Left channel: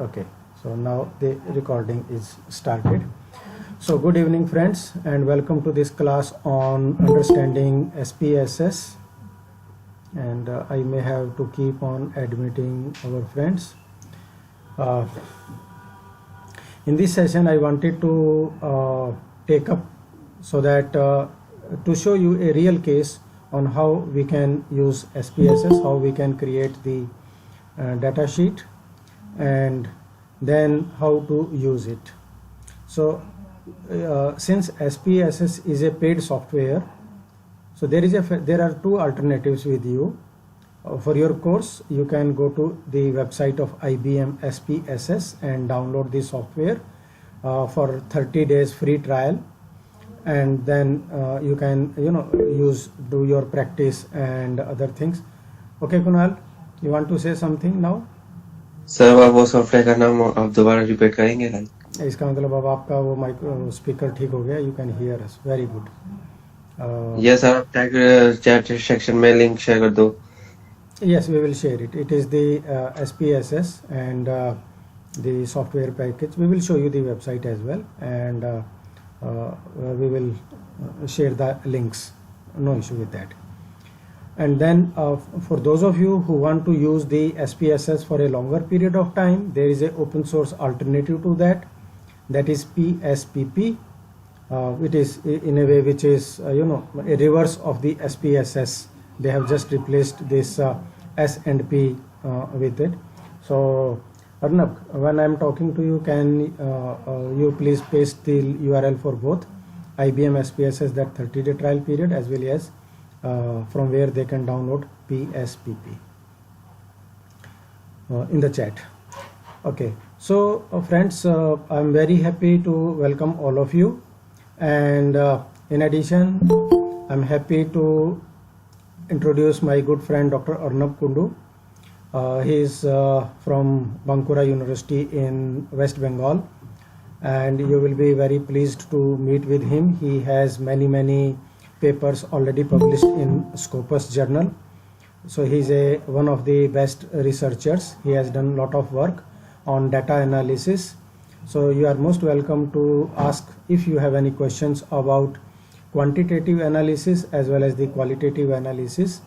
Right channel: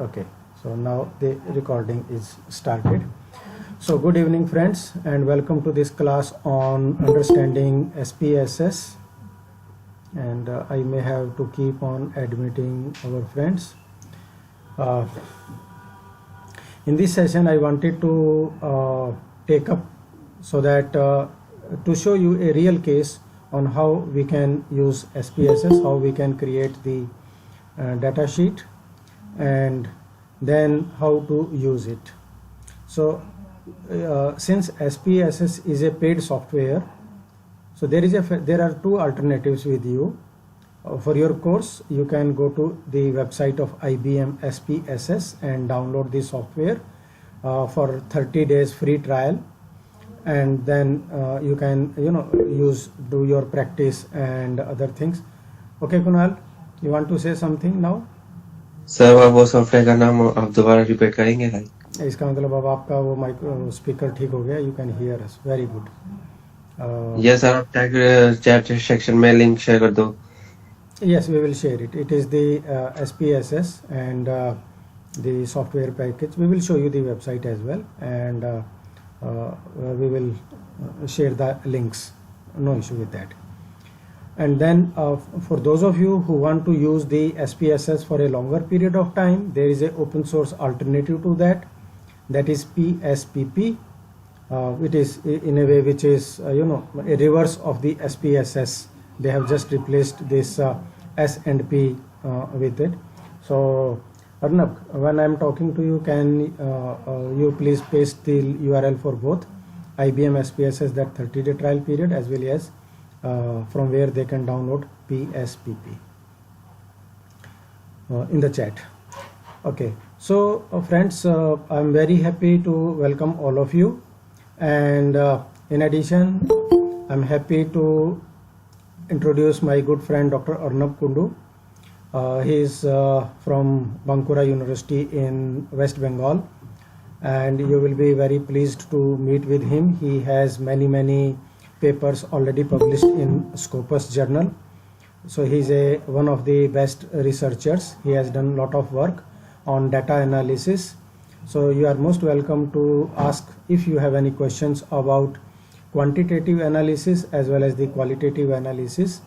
Okay, so now the recording is started. So good evening friends, and welcome to this class on understanding SPSS, and I may have to keep on admitting our friends. Uh, in this session I wanted to take up so that to show you a real case on how we can use SPSS, how we can create the data sheet, and then how to use it. So since SPSS is a paid software, so there are two alternatives with you. For your course, you can go to the website of IBM SPSS and download the software for 30 days free trial, and then you can do your practice and other things. Okay, Kunal, you want to say something now? Sir वो software का नाम आप दोबारा repeat करेंगे like इसका मतलब अब आपका वो माइक स्पीकर ठीक हो गया, you can hear us, very good. Yes sir आप चैट सेक्शन में लिंक शेयर कर दो। Yes, we will share it. It is the SPSS and the software package. We will show you the website as well, and we will share the links. No issue with that. And then for those of you who want to use the SPSS for a longer period of time, there is an open source alternative to that. That is PSPP. It is in a way which is a reverse of the SPSS. They have just replaced this S and P with it. So Arnab, when I am talking to you, can you please paste the URL for both IBM SPSS, that 30-day trial period, as well as from where they can download PSPP in the chat. Okay, so friends, I'm very happy to welcome all of you, and in addition I'm happy to introduce my good friend Dr. Arnab Kundu. He is from Bankura University in West Bengal, and you will be very pleased to meet with him. He has many papers already published in Scopus journal, so he is one of the best researchers. He has done a lot of work on data analysis, so you are most welcome to ask if you have any questions about quantitative analysis as well as the qualitative analysis,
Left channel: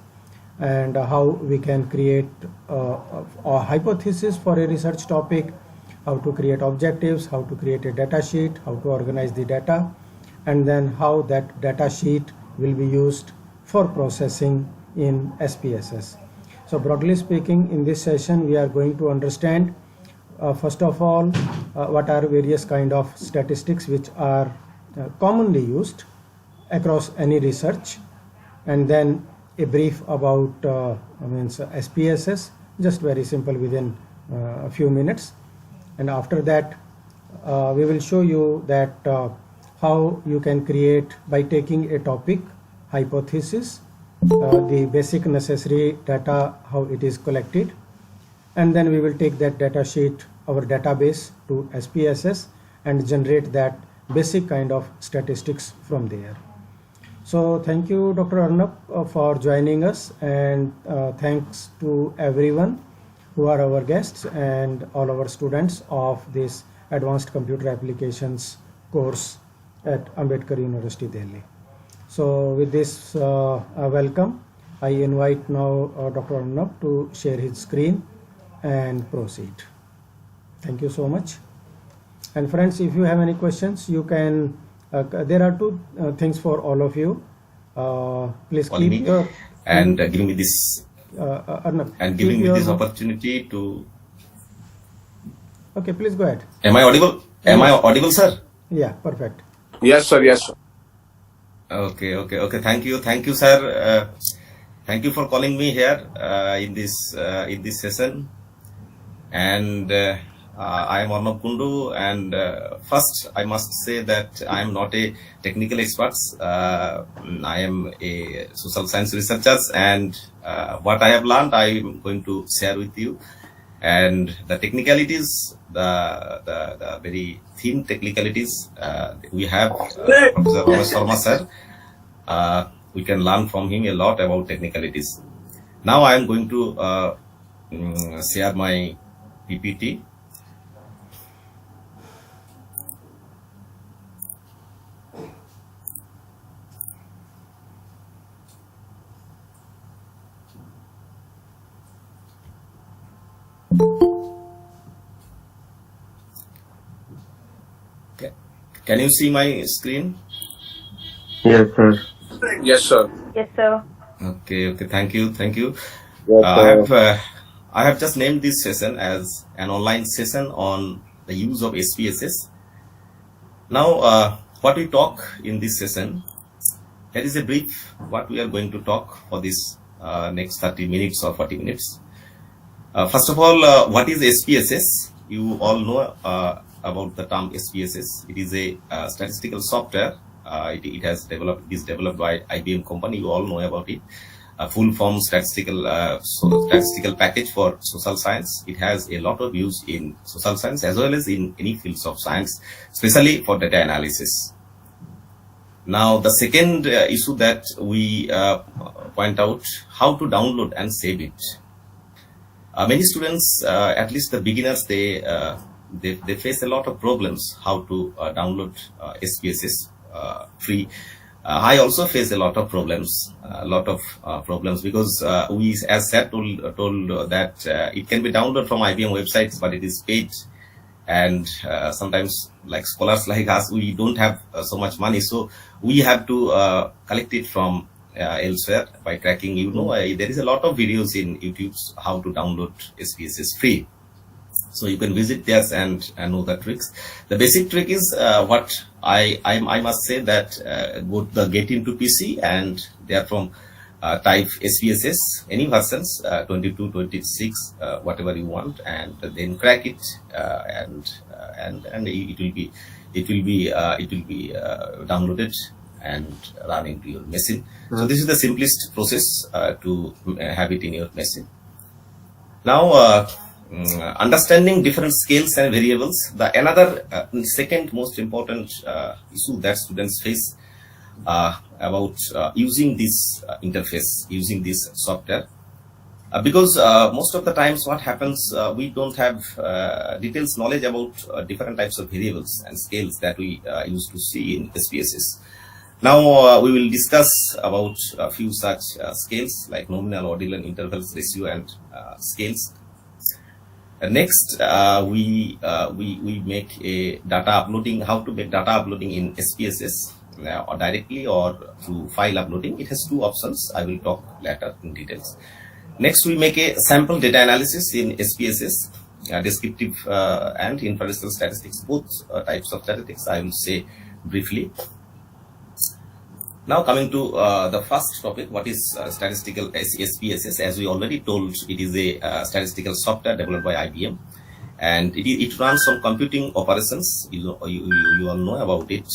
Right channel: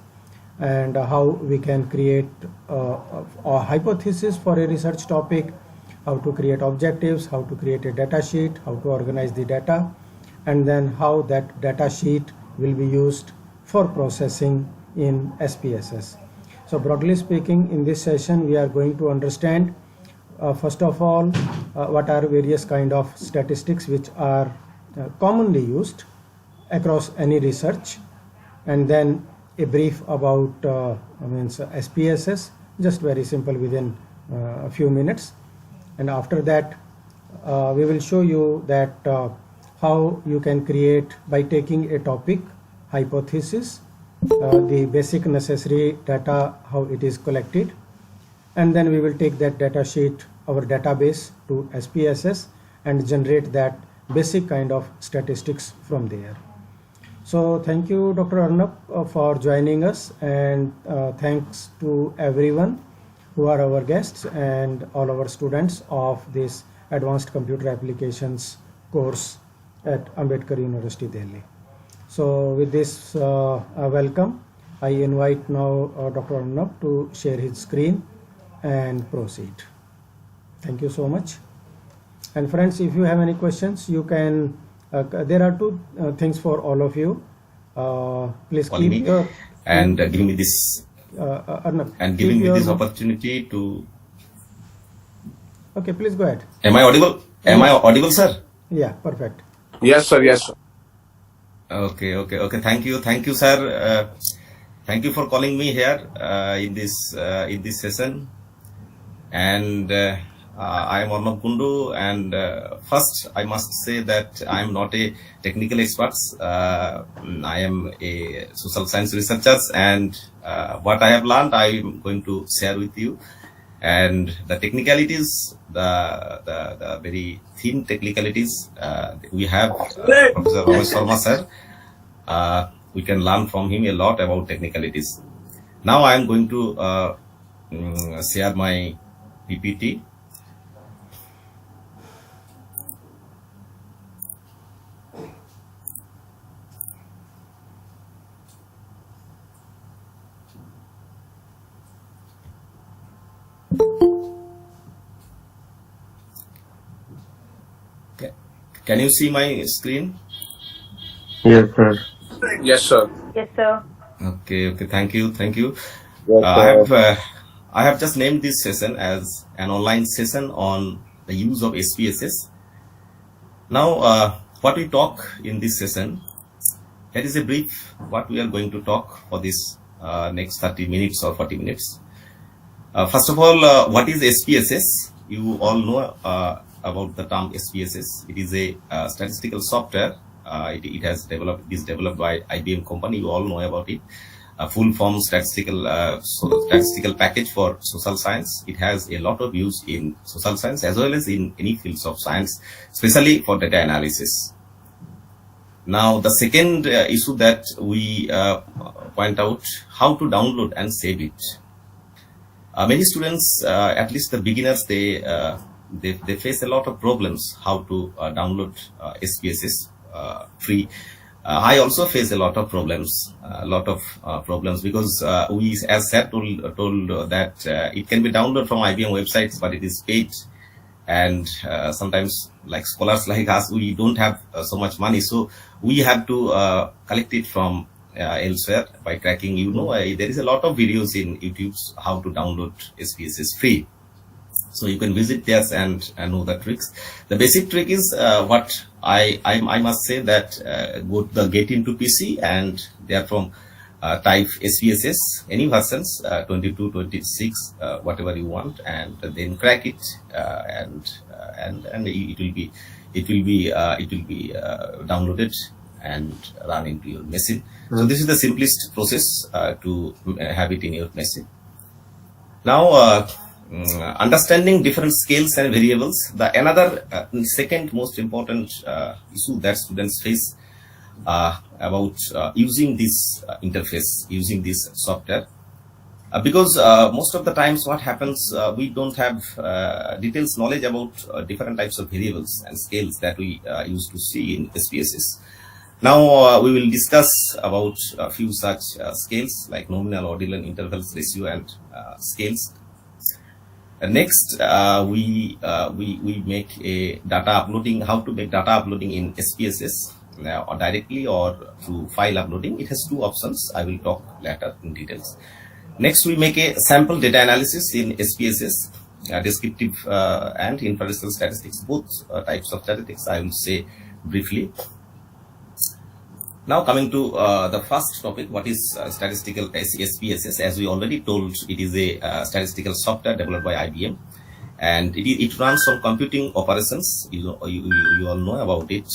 and how we can create a hypothesis for a research topic, how to create objectives, how to create a data sheet, how to organize the data, and then how that data sheet will be used for processing in SPSS. So broadly speaking, in this session we are going to understand first of all what are various kind of statistics which are commonly used across any research, and then a brief about SPSS, just very simple, within a few minutes, and after that we will show you that how you can create, by taking a topic hypothesis, the basic necessary data, how it is collected, and then we will take that data sheet, our database, to SPSS and generate that basic kind of statistics from there. So thank you, Dr. Arnab, for joining us, and thanks to everyone who are our guests and all our students of this Advanced Computer Applications course at Ambedkar University, Delhi. So with this welcome, I invite now Dr. Arnab to share his screen and proceed. Thank you so much. And friends, if you have any questions, you can there are two things for all of you. Please keep your and giving me this Arnab, and giving me this opportunity to. Okay, please go ahead. Am I audible? Am I audible, sir? Yeah, perfect. Yes, sir. Yes, sir. Okay. Thank you, sir. Thank you for calling me here in this session. And I am Arnab Kundu, and first I must say that I am not a technical expert. I am a social science researcher, and what I have learned I am going to share with you. And the technicalities, the very thin technicalities we have Professor Ramesh Sharma sir. We can learn from him a lot about technicalities. Now I am going to share my PPT. Can you see my screen? Yes, sir. Yes, sir. Yes, sir. Okay, thank you. Yes, I have just named this session as an online session on the use of SPSS. Now, what we talk in this session, that is a brief what we are going to talk for this next 30 minutes or 40 minutes. First of all, what is SPSS? You all know about the term SPSS. It is a statistical software. It is developed by IBM company. You all know about it. A full form statistical package for social science. It has a lot of use in social science as well as in any fields of science, especially for data analysis. Now, the second issue that we point out, how to download and save it. Many students, at least the beginners, they face a lot of problems how to download SPSS free. I also face a lot of problems, because we, as Sir told that it can be downloaded from IBM websites, but it is paid, and sometimes, like scholars like us, we don't have so much money, so we have to collect it from elsewhere by cracking. There is a lot of videos in YouTube how to download SPSS free. So you can visit there and know the tricks. The basic trick is what I must say that go to get into PC and therefrom type SPSS, any versions, 22, 26, whatever you want, and then crack it, and it will be downloaded and run into your machine. So this is the simplest process to have it in your machine. Now, understanding different scales and variables. Another second most important issue that students face about using this interface, using this software, because most of the times what happens, we don't have details knowledge about different types of variables and scales that we used to see in SPSS. Now we will discuss about a few such scales like nominal, ordinal, intervals, ratio, and scales. Next, we make a data uploading. How to make data uploading in SPSS, or directly or through file uploading. It has two options. I will talk later in details. Next, we make a sample data analysis in SPSS, descriptive and inferential statistics, both types of statistics I will say briefly. Now coming to the first topic, what is statistical SPSS? As we already told, it is a statistical software developed by IBM, and it runs on computing operations. You all know about it.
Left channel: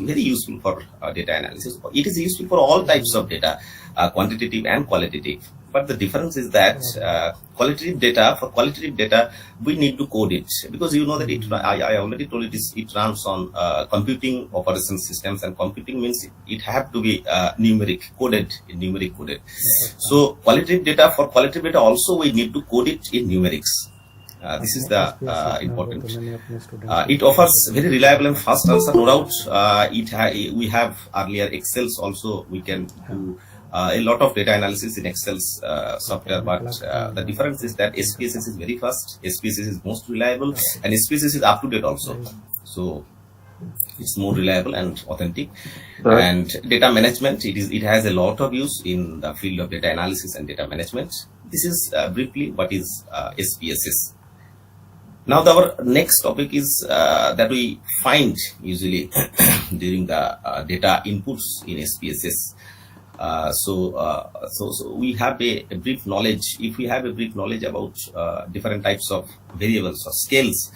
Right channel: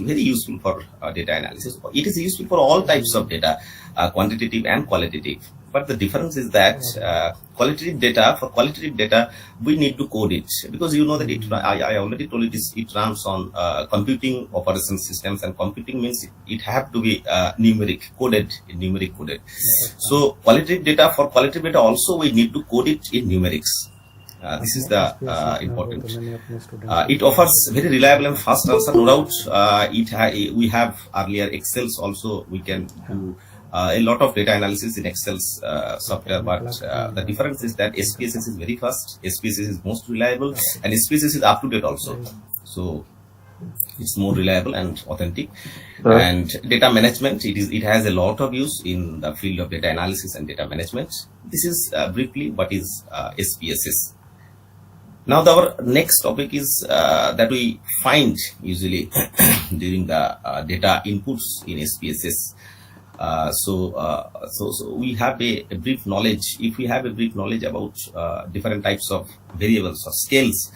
Very useful for data analysis. It is useful for all types of data, quantitative and qualitative. But the difference is that qualitative data, we need to code it, because you know that I already told you it runs on computing operation systems, and computing means it have to be numeric coded. So qualitative data also we need to code it in numerics. This is the important. It offers very reliable and fast answer, no doubt. We have earlier Excels also. We can do a lot of data analysis in Excel's software, but the difference is that SPSS is very fast, SPSS is most reliable, and SPSS is up to date also. So it's more reliable and authentic. Right. And data management, it has a lot of use in the field of data analysis and data management. This is briefly what is SPSS. Now our next topic is that we find usually during the data inputs in SPSS. So we have a brief knowledge. If we have a brief knowledge about different types of variables or scales,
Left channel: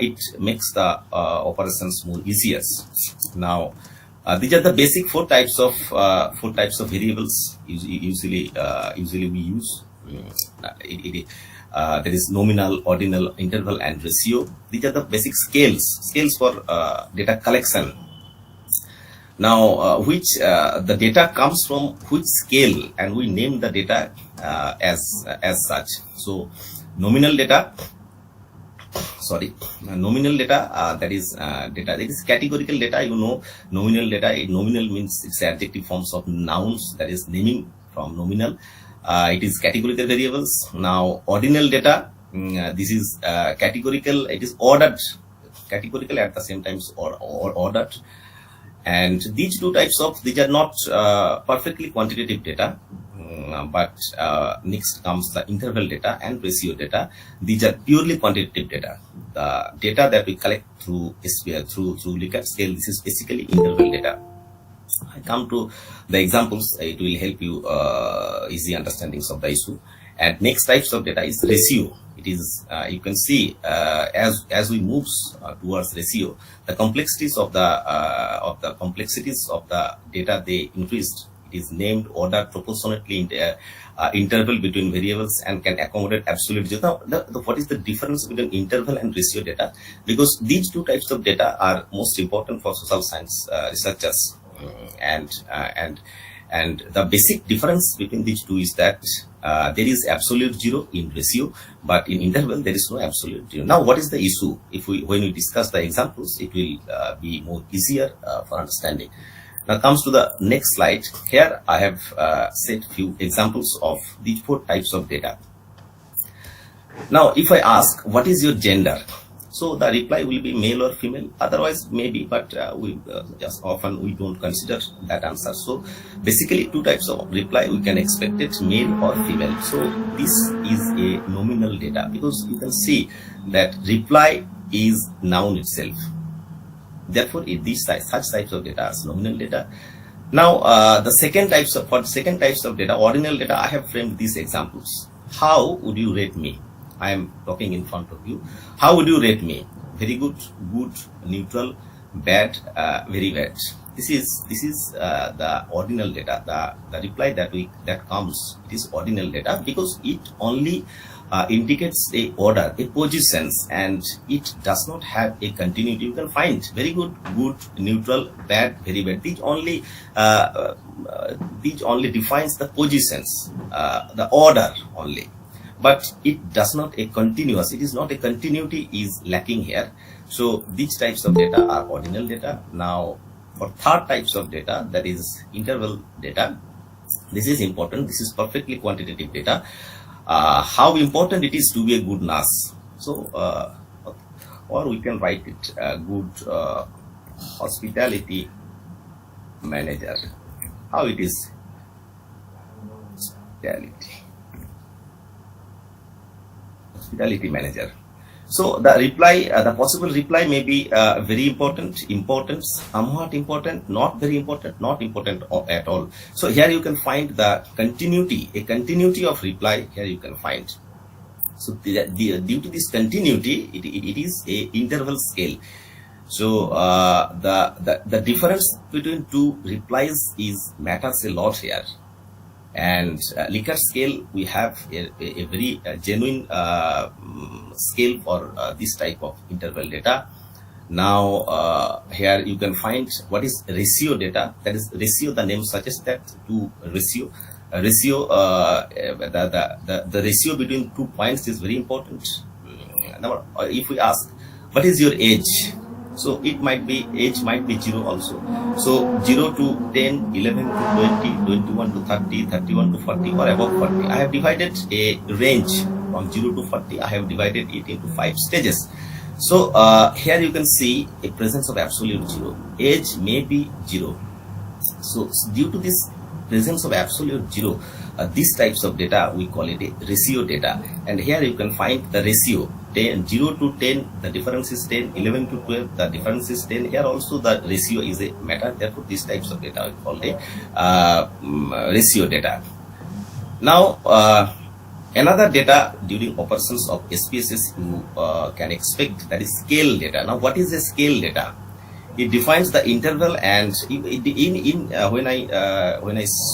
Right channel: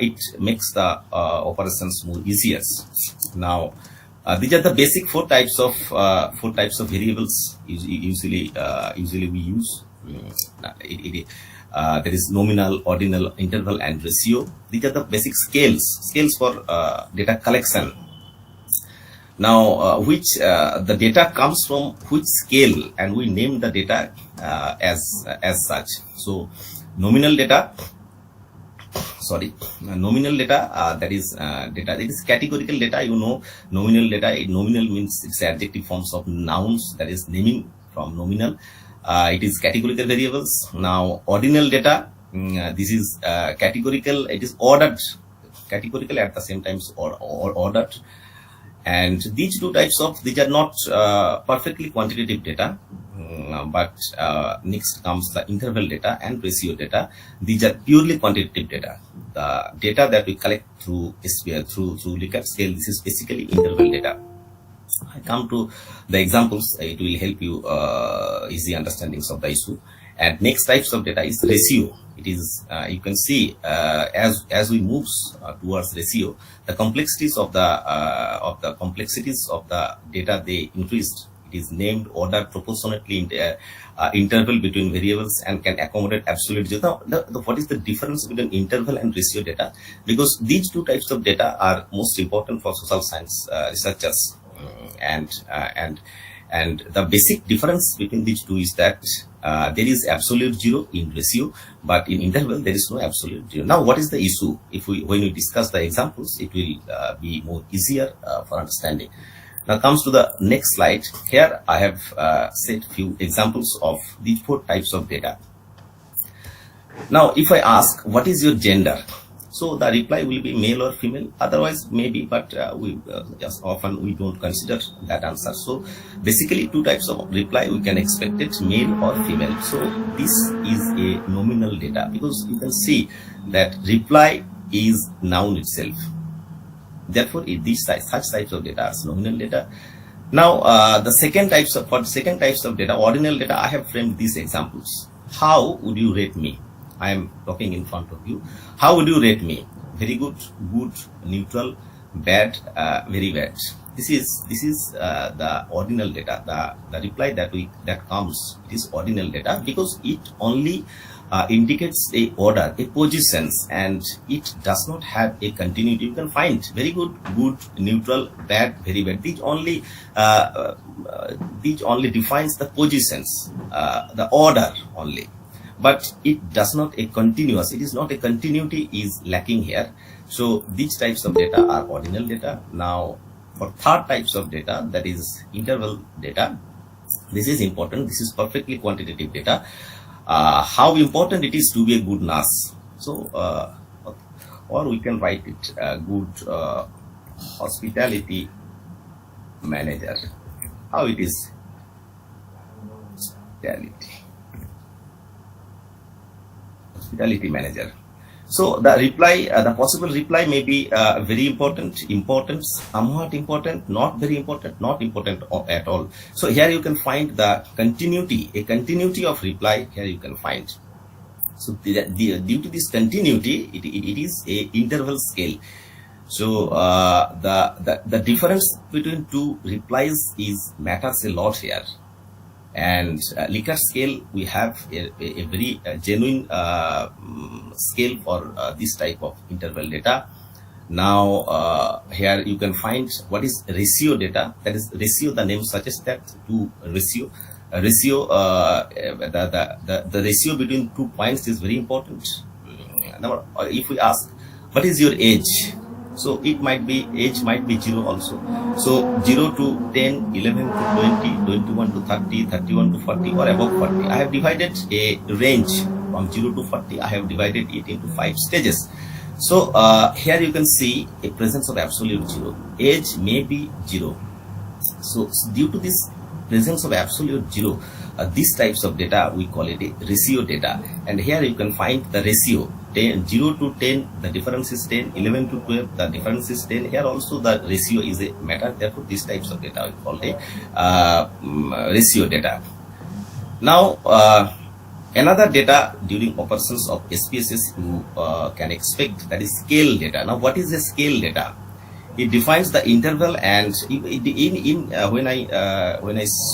it makes the operations more easier. Now, these are the basic four types of variables usually we use. There is nominal, ordinal, interval, and ratio. These are the basic scales for data collection. Now, the data comes from which scale, and we name the data as such. So, nominal data. That is data. It is categorical data. You know, nominal data. Nominal means it's adjective forms of nouns. That is naming from nominal. It is categorical variables. Now, ordinal data. This is categorical. It is ordered categorical, at the same time or ordered. And these are not perfectly quantitative data, but next comes the interval data and ratio data. These are purely quantitative data. The data that we collect through SPSS, through Likert scale, this is basically interval data. I come to the examples, it will help you easy understandings of the issue. And next types of data is ratio. It is you can see as we move towards ratio, the complexities of the data, they increased. It is named, ordered proportionately in the interval between variables and can accommodate absolute zero. Now, what is the difference between interval and ratio data? Because these two types of data are most important for social science researchers. And the basic difference between these two is that there is absolute zero in ratio, but in interval there is no absolute zero. Now, what is the issue? When we discuss the examples, it will be more easier for understanding. Now comes to the next slide. Here I have set few examples of these 4 types of data. Now, if I ask, what is your gender? So the reply will be male or female, otherwise maybe, but we just often we don't consider that answer. So basically 2 types of reply we can expect it, male or female. So this is a nominal data, because you can see that reply is noun itself. Therefore, such types of data are nominal data. Now, the second types of data, ordinal data, I have framed these examples. How would you rate me? I am talking in front of you. How would you rate me? Very good, good, neutral, bad, very bad. This is the ordinal data. The reply that comes, it is ordinal data, because it only indicates a order, a positions, and it does not have a continuity. You can find very good, good, neutral, bad, very bad. These only defines the positions, the order only, but it does not a continuous. It is not a continuity is lacking here. So these types of data are ordinal data. Now, for third types of data, that is interval data. This is important. This is perfectly quantitative data. How important it is to be a good nurse. So, or we can write it good hospitality manager. How it is? Hospitality manager. So the reply, the possible reply may be very important, somewhat important, not very important, not important at all. So here you can find the continuity, a continuity of reply. Here you can find. So due to this continuity, it is a interval scale. So the difference between 2 replies matters a lot here. And Likert scale, we have a very genuine scale for this type of interval data. Now here you can find what is ratio data. That is ratio, the name suggests that, to ratio. The ratio between 2 points is very important. Now, if we ask, what is your age? So it might be, age might be 0 also. So 0 to 10, 11 to 20, 21 to 30, 31 to 40, or above 40. I have divided a range from 0 to 40. I have divided it into 5 stages. So here you can see a presence of absolute 0. Age may be 0. So due to this presence of absolute 0, these types of data, we call it a ratio data. And here you can find the ratio. 0 to 10, the difference is 10. 11 to 12, the difference is 10. Here also the ratio is a matter. Therefore, these types of data we call a ratio data. Now, another data during operations of SPSS you can expect, that is scale data. Now, what is a scale data? It defines the interval, and when I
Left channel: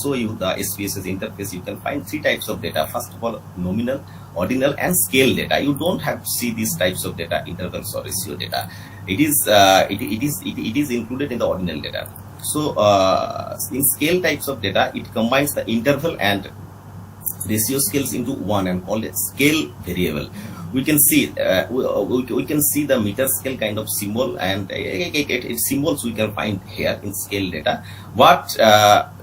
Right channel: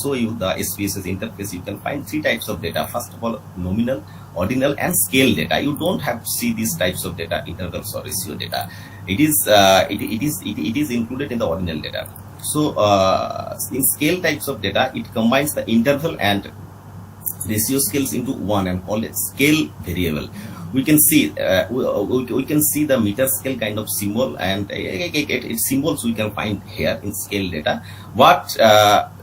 show you the SPSS interface, you can find 3 types of data. First of all, nominal, ordinal, and scale data. You don't have to see these types of data, intervals or ratio data. It is included in the ordinal data. So in scale types of data, it combines the interval and ratio scales into one and called it scale variable. We can see we can see the meter scale kind of symbol, and symbols we can find here in scale data. What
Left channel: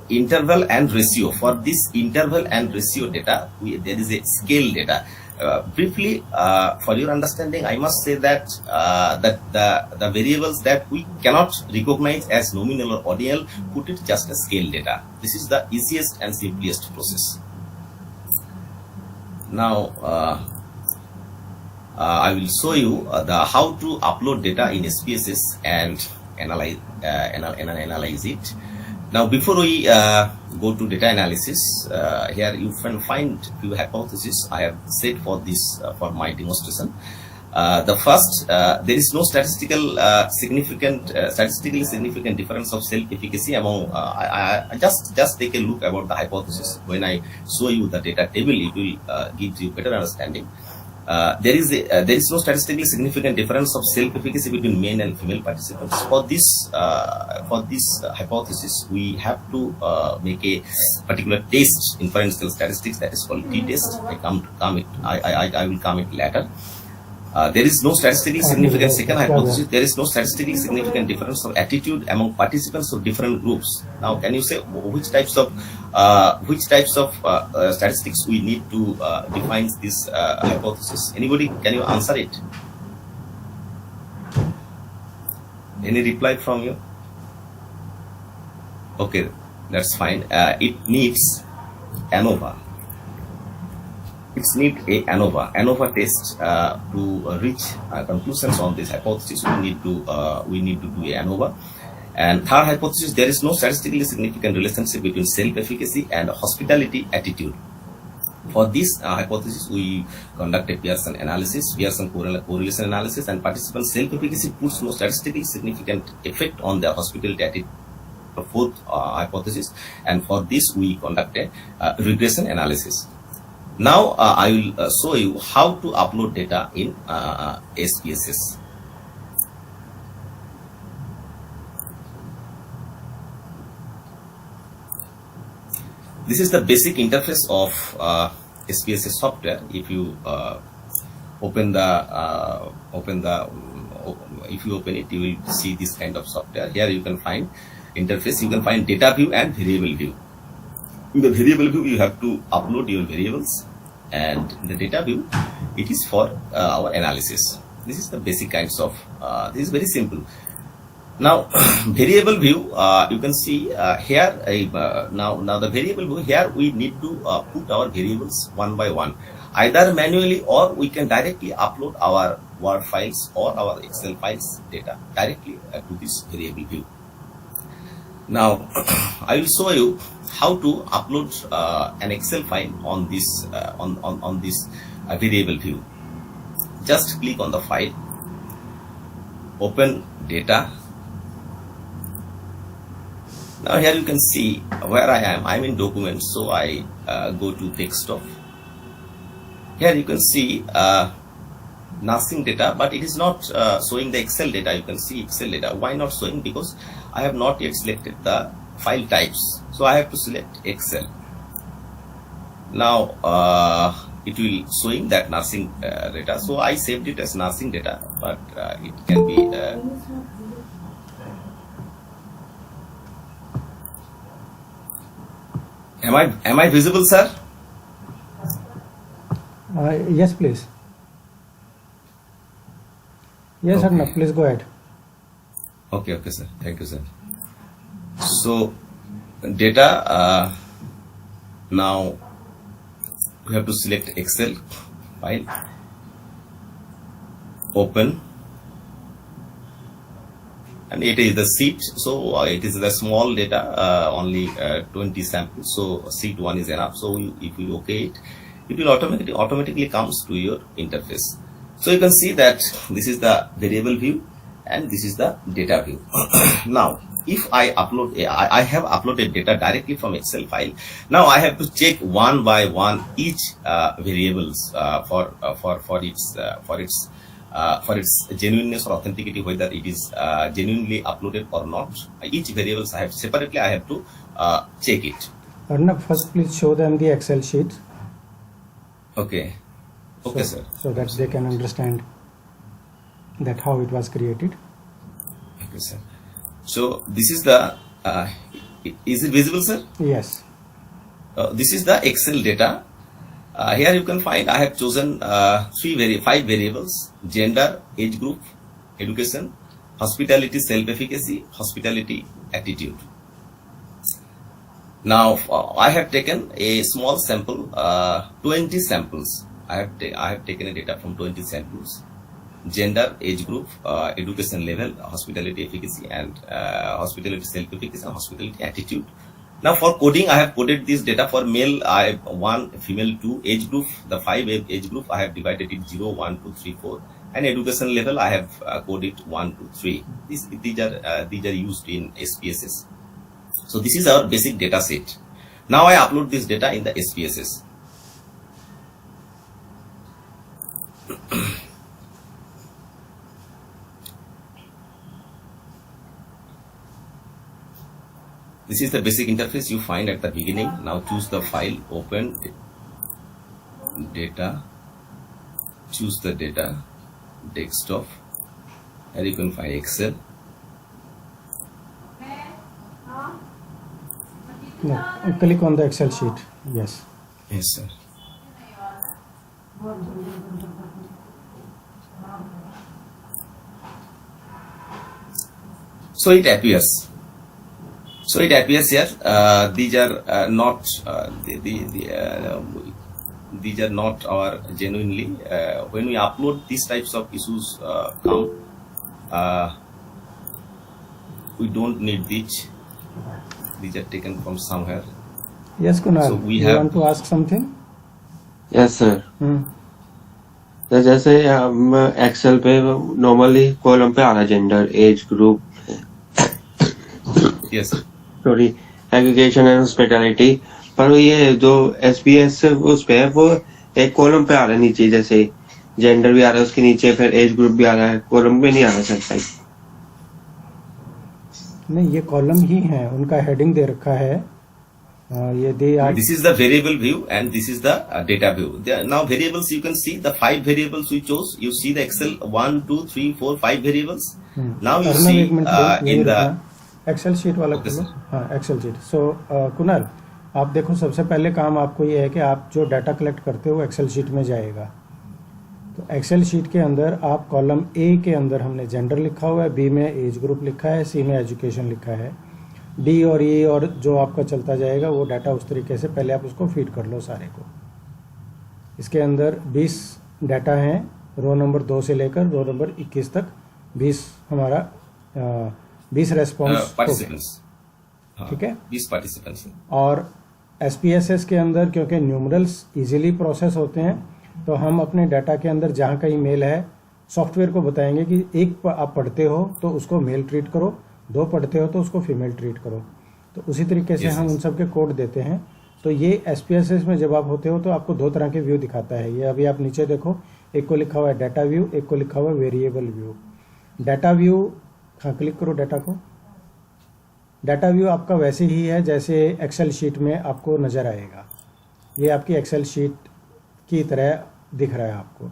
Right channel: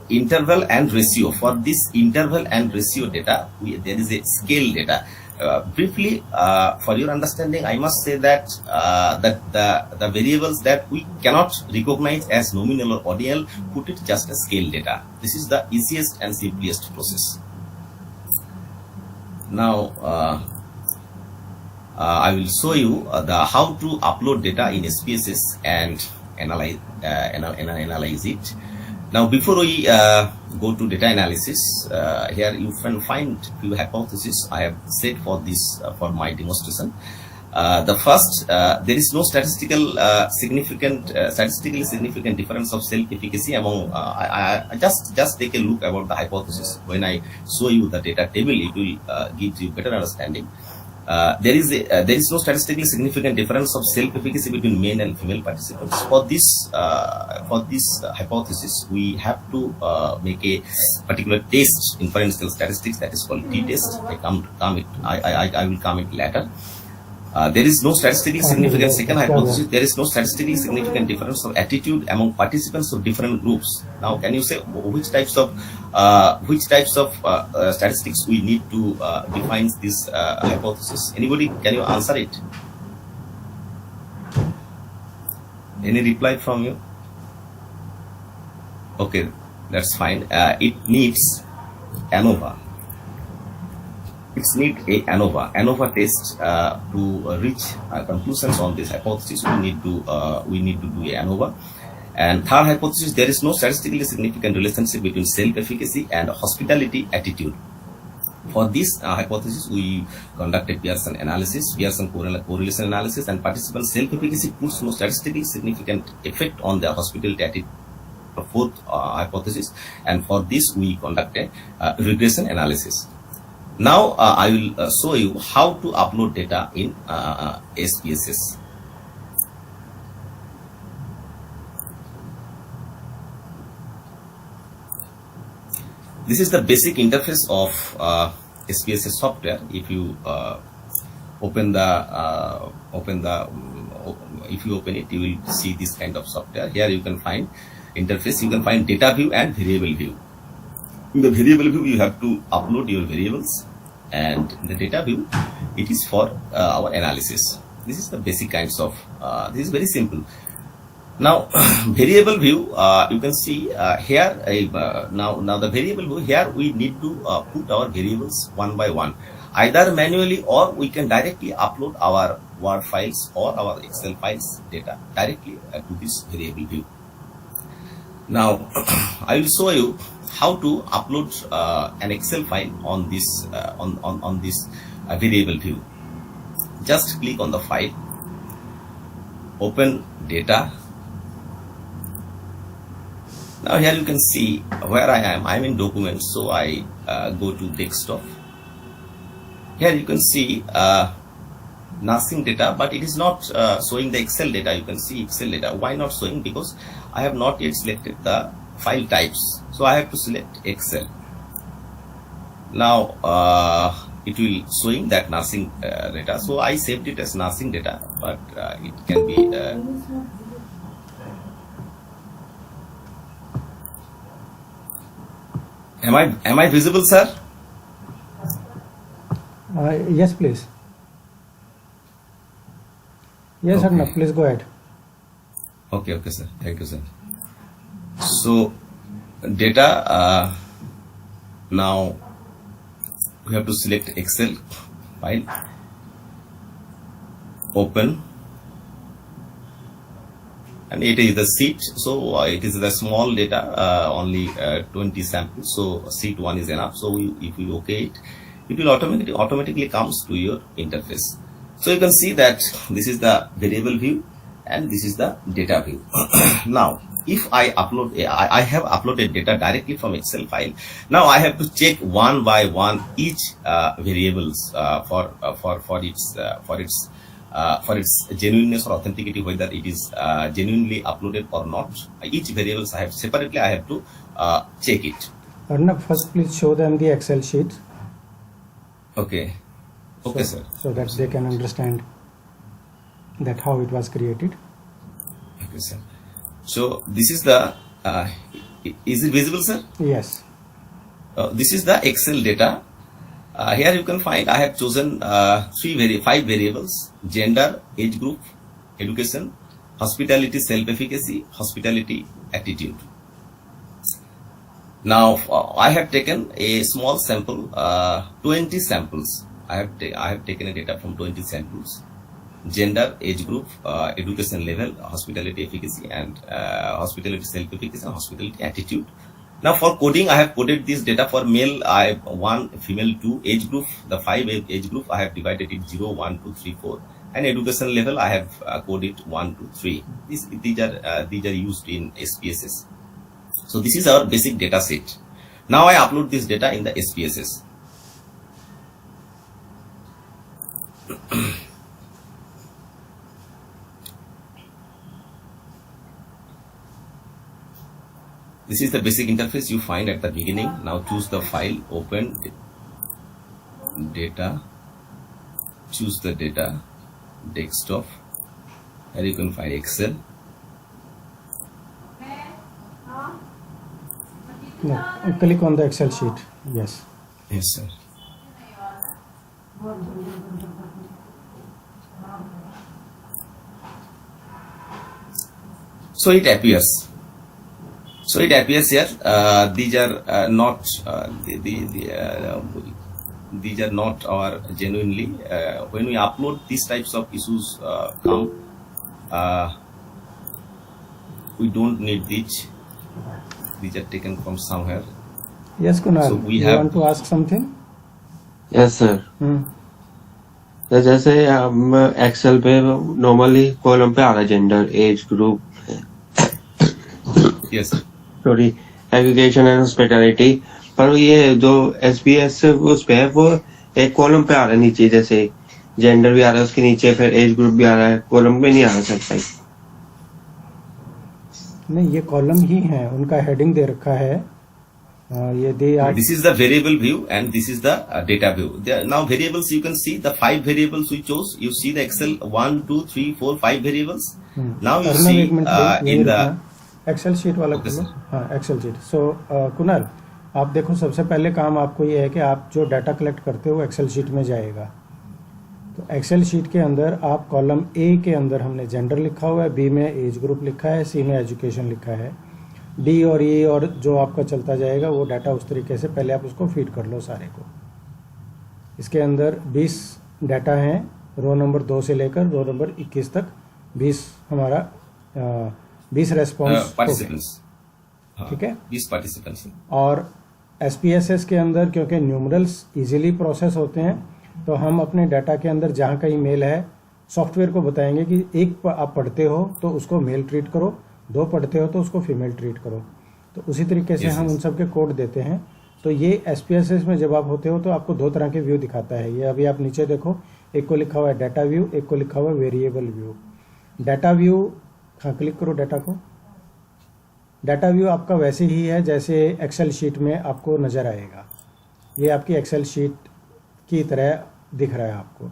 interval and ratio, for this interval and ratio data, there is a scale data. Briefly, for your understanding, I must say that the variables that we cannot recognize as nominal or ordinal, put it just as scale data. This is the easiest and simplest process. Now, I will show you the how to upload data in SPSS and analyze it. Now, before we go to data analysis, here you can find few hypotheses I have set for this for my demonstration. The first, there is no statistically significant difference of self-efficacy among. I just take a look about the hypothesis. When I show you the data table, it will give you better understanding. There is no statistically significant difference of self-efficacy between male and female participants. For this hypothesis, we have to make a particular test, inferential statistics, that is called t-test. I will come it later. There is no statistically significant, second hypothesis, there is no statistically significant difference of attitude among participants of different groups. Now, can you say which types of statistics we need to define this hypothesis? Anybody, can you answer it? Any reply from you? Okay, that's fine. It needs ANOVA. It needs a ANOVA test to reach conclusions on this hypothesis. We need to do a ANOVA. And third hypothesis, there is no statistically significant relationship between self-efficacy and hospitality attitude. For this hypothesis, we conducted Pearson analysis, Pearson correlation analysis, and participant self-efficacy puts no statistically significant effect on their hospitality attitude. The fourth hypothesis, and for this we conducted regression analysis. Now I will show you how to upload data in SPSS. This is the basic interface of SPSS software. If you open it, you will see this kind of software. Here you can find interface, you can find data view and variable view. In the variable view, you have to upload your variables, and in the data view, it is for our analysis. This is the basic kinds of, this is very simple. Now, variable view, you can see here, now the variable view, here we need to put our variables one by one, either manually, or we can directly upload our Word files or our Excel files data directly to this variable view. Now, I will show you how to upload an Excel file on this on this variable view. Just click on the file, open data. Now here you can see where I am. I'm in documents, so I go to desktop. Here you can see nursing data, but it is not showing the Excel data. You can see Excel data. Why not showing? Because I have not yet selected the file types, so I have to select Excel. Now it will showing that nursing data, so I saved it as nursing data, but it can be am I visible, sir? Yes, please. Yes, Okay. Arnab, please go ahead. Okay, sir. Thank you, sir. So, data, now we have to select Excel file, open, and it is the sheet. So, it is the small data, only 20 samples. So, sheet 1 is enough. So, if you OK it will automatically comes to your interface. So, you can see that this is the variable view and this is the data view. Now, if I upload, I have uploaded data directly from Excel file. Now I have to check one by one each variables for its genuineness or authenticity, whether it is genuinely uploaded or not. Each variables I have separately, I have to check it. Arnab, first please show them the Excel sheet. Okay. Okay, sir. So that they can understand that how it was created. Okay, sir. So this is the, is it visible, sir? Yes. This is the Excel data, Here you can find I have chosen five variables: gender, age group, education, hospitality, self-efficacy, hospitality, attitude. Now I have taken a small sample, 20 samples. I have taken a data from 20 samples: gender, age group, education level, hospitality efficacy, and hospitality self-efficacy, and hospitality attitude. Now for coding, I have coded this data. For male, I have 1, female 2. Age group, the 5 age group, I have divided it 0, 1, 2, 3, 4. And education level, I have coded 1, 2, 3. These are used in SPSS. So this is our basic data set. Now I upload this data in the SPSS. This is the basic interface you find at the beginning. Now choose the file, open data, choose the data, desktop, and you can find Excel. No, click on the Excel sheet. Yes. Yes, sir. So it appears. So it appears here. These are not these are not or genuinely. When we upload these types of issues come, we don't need these. These are taken from somewhere. Yes, Kunal. So we you have- want to ask something? Yes sir. Hmm. तो जैसे हम Excel पे normally column पे आ रहा है gender, age group, Yes. Sorry, education and hospitality, पर ये जो एसपीएस उस पे है वो एक कॉलम पे आ रहा है नीचे, जैसे जेंडर भी आ रहा है उसके नीचे, फिर एज ग्रुप भी आ रहा है, कॉलम पे नहीं आ रहा सर भाई। नहीं, ये कॉलम ही है, उनका हेडिंग दे रखा है। ये दे आज This is the variable view and this is the data view. Now variables, you can see the 5 variables we chose. You see the Excel 1, 2, 3, 4, 5 variables. Now you Arnav see एक मिनट यही in the रुकना। Excel sheet वाला Okay, खोलो। sir. हाँ, Excel sheet. सो कुणाल, आप देखो, सबसे पहले काम आपको ये है कि आप जो डाटा कलेक्ट करते हो एक्सेल शीट में जाएगा। तो एक्सेल शीट के अंदर आप कॉलम ए के अंदर हमने जेंडर लिखा हुआ है, बी में एज ग्रुप लिखा है, सी में एजुकेशन लिखा है, डी और ई और जो आपका चलता जाएगा वो डाटा उस तरीके से पहले आप उसको फीड कर लो सारे को। इसके अंदर 20 डाटा हैं, रो नंबर 2 से लेकर रो नंबर 21 तक 20 हमारा 20 रेस्पॉन्स हो गए। participants. ठीक है। 20 participants. और SPSS के अंदर क्योंकि न्यूमरल्स इजीली प्रोसेस होते हैं, तो हम अपने डाटा के अंदर जहाँ कहीं मेल है, सॉफ्टवेयर को बताएंगे कि एक आप पढ़ते हो तो उसको मेल ट्रीट करो, 2 पढ़ते हो तो उसको फीमेल ट्रीट करो। तो उसी तरीके से Yes, हम yes. उन सब के कोड देते हैं। तो ये SPSS में जब आप होते हो तो आपको 2 तरह के व्यू दिखाता है। ये अभी आप नीचे देखो, एक को लिखा हुआ है डाटा व्यू, एक को लिखा हुआ है वेरिएबल व्यू। डाटा व्यू, हाँ क्लिक करो डाटा को। डाटा व्यू आपका वैसे ही है जैसे एक्सेल शीट में आपको नज़र आएगा। ये आपकी एक्सेल शीट की तरह दिख रहा है आपको।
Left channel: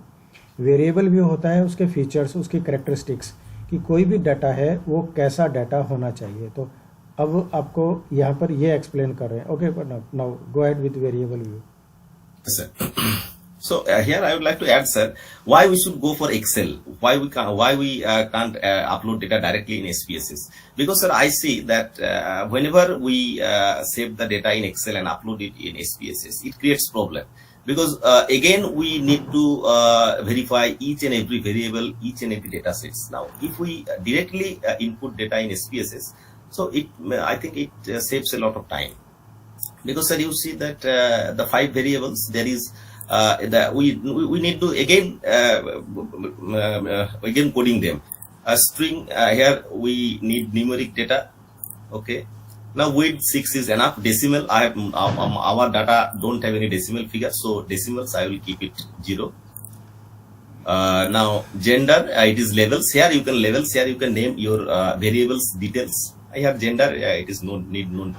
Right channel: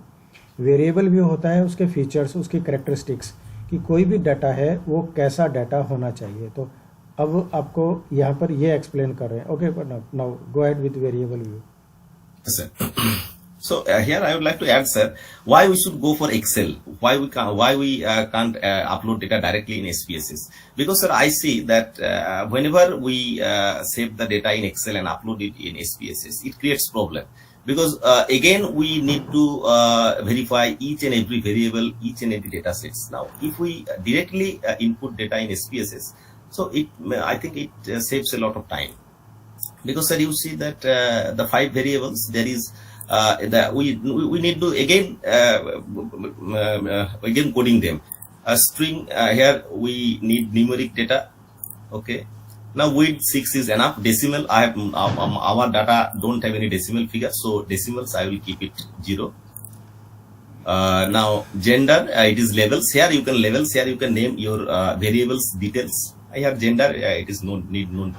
वेरिएबल व्यू होता है उसके फीचर्स, उसकी करेक्टरिस्टिक्स, कि कोई भी डाटा है वो कैसा डाटा होना चाहिए। तो अब आपको यहाँ पर ये एक्सप्लेन कर रहे हैं। Okay, now go ahead with variable view. Yes, sir. So here I would like to add, sir, why we should go for Excel. Why we can't upload data directly in SPSS? Because, sir, I see that whenever we save the data in Excel and upload it in SPSS, it creates problem. Because again we need to verify each and every variable, each and every data sets. Now, if we directly input data in SPSS, so I think it saves a lot of time. Because, sir, you see that the 5 variables, there is we need to again coding them. A string here we need numeric data. Okay. Now width 6 is enough. Decimal, I have our data don't have any decimal figure, so decimals I will keep it 0. Now gender, it is levels. Here you can levels. Here you can name your variables details. I have gender. It is no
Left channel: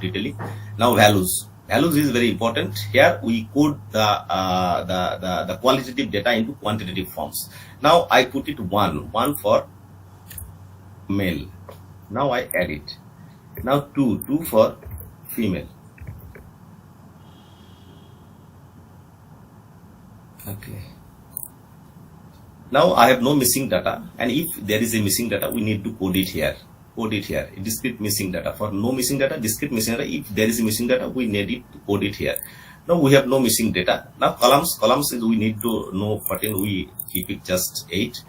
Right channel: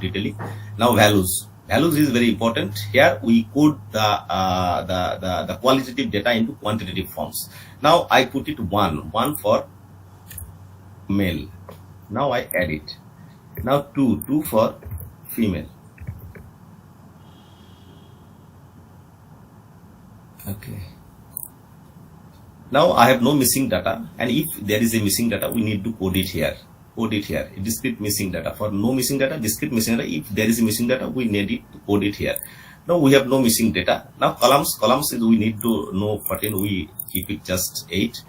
detailing. Now values. Values is very important. Here we code the qualitative data into quantitative forms. Now I put it 1 for male. Now I add it. Now 2 for female. Okay. Now I have no missing data, and if there is a missing data, we need to code it here. Code it here. Discrete missing data. For no missing data, discrete missing data. If there is a missing data, we need it to code it here. Now we have no missing data. Now columns is we need to know 14. We keep it just 8.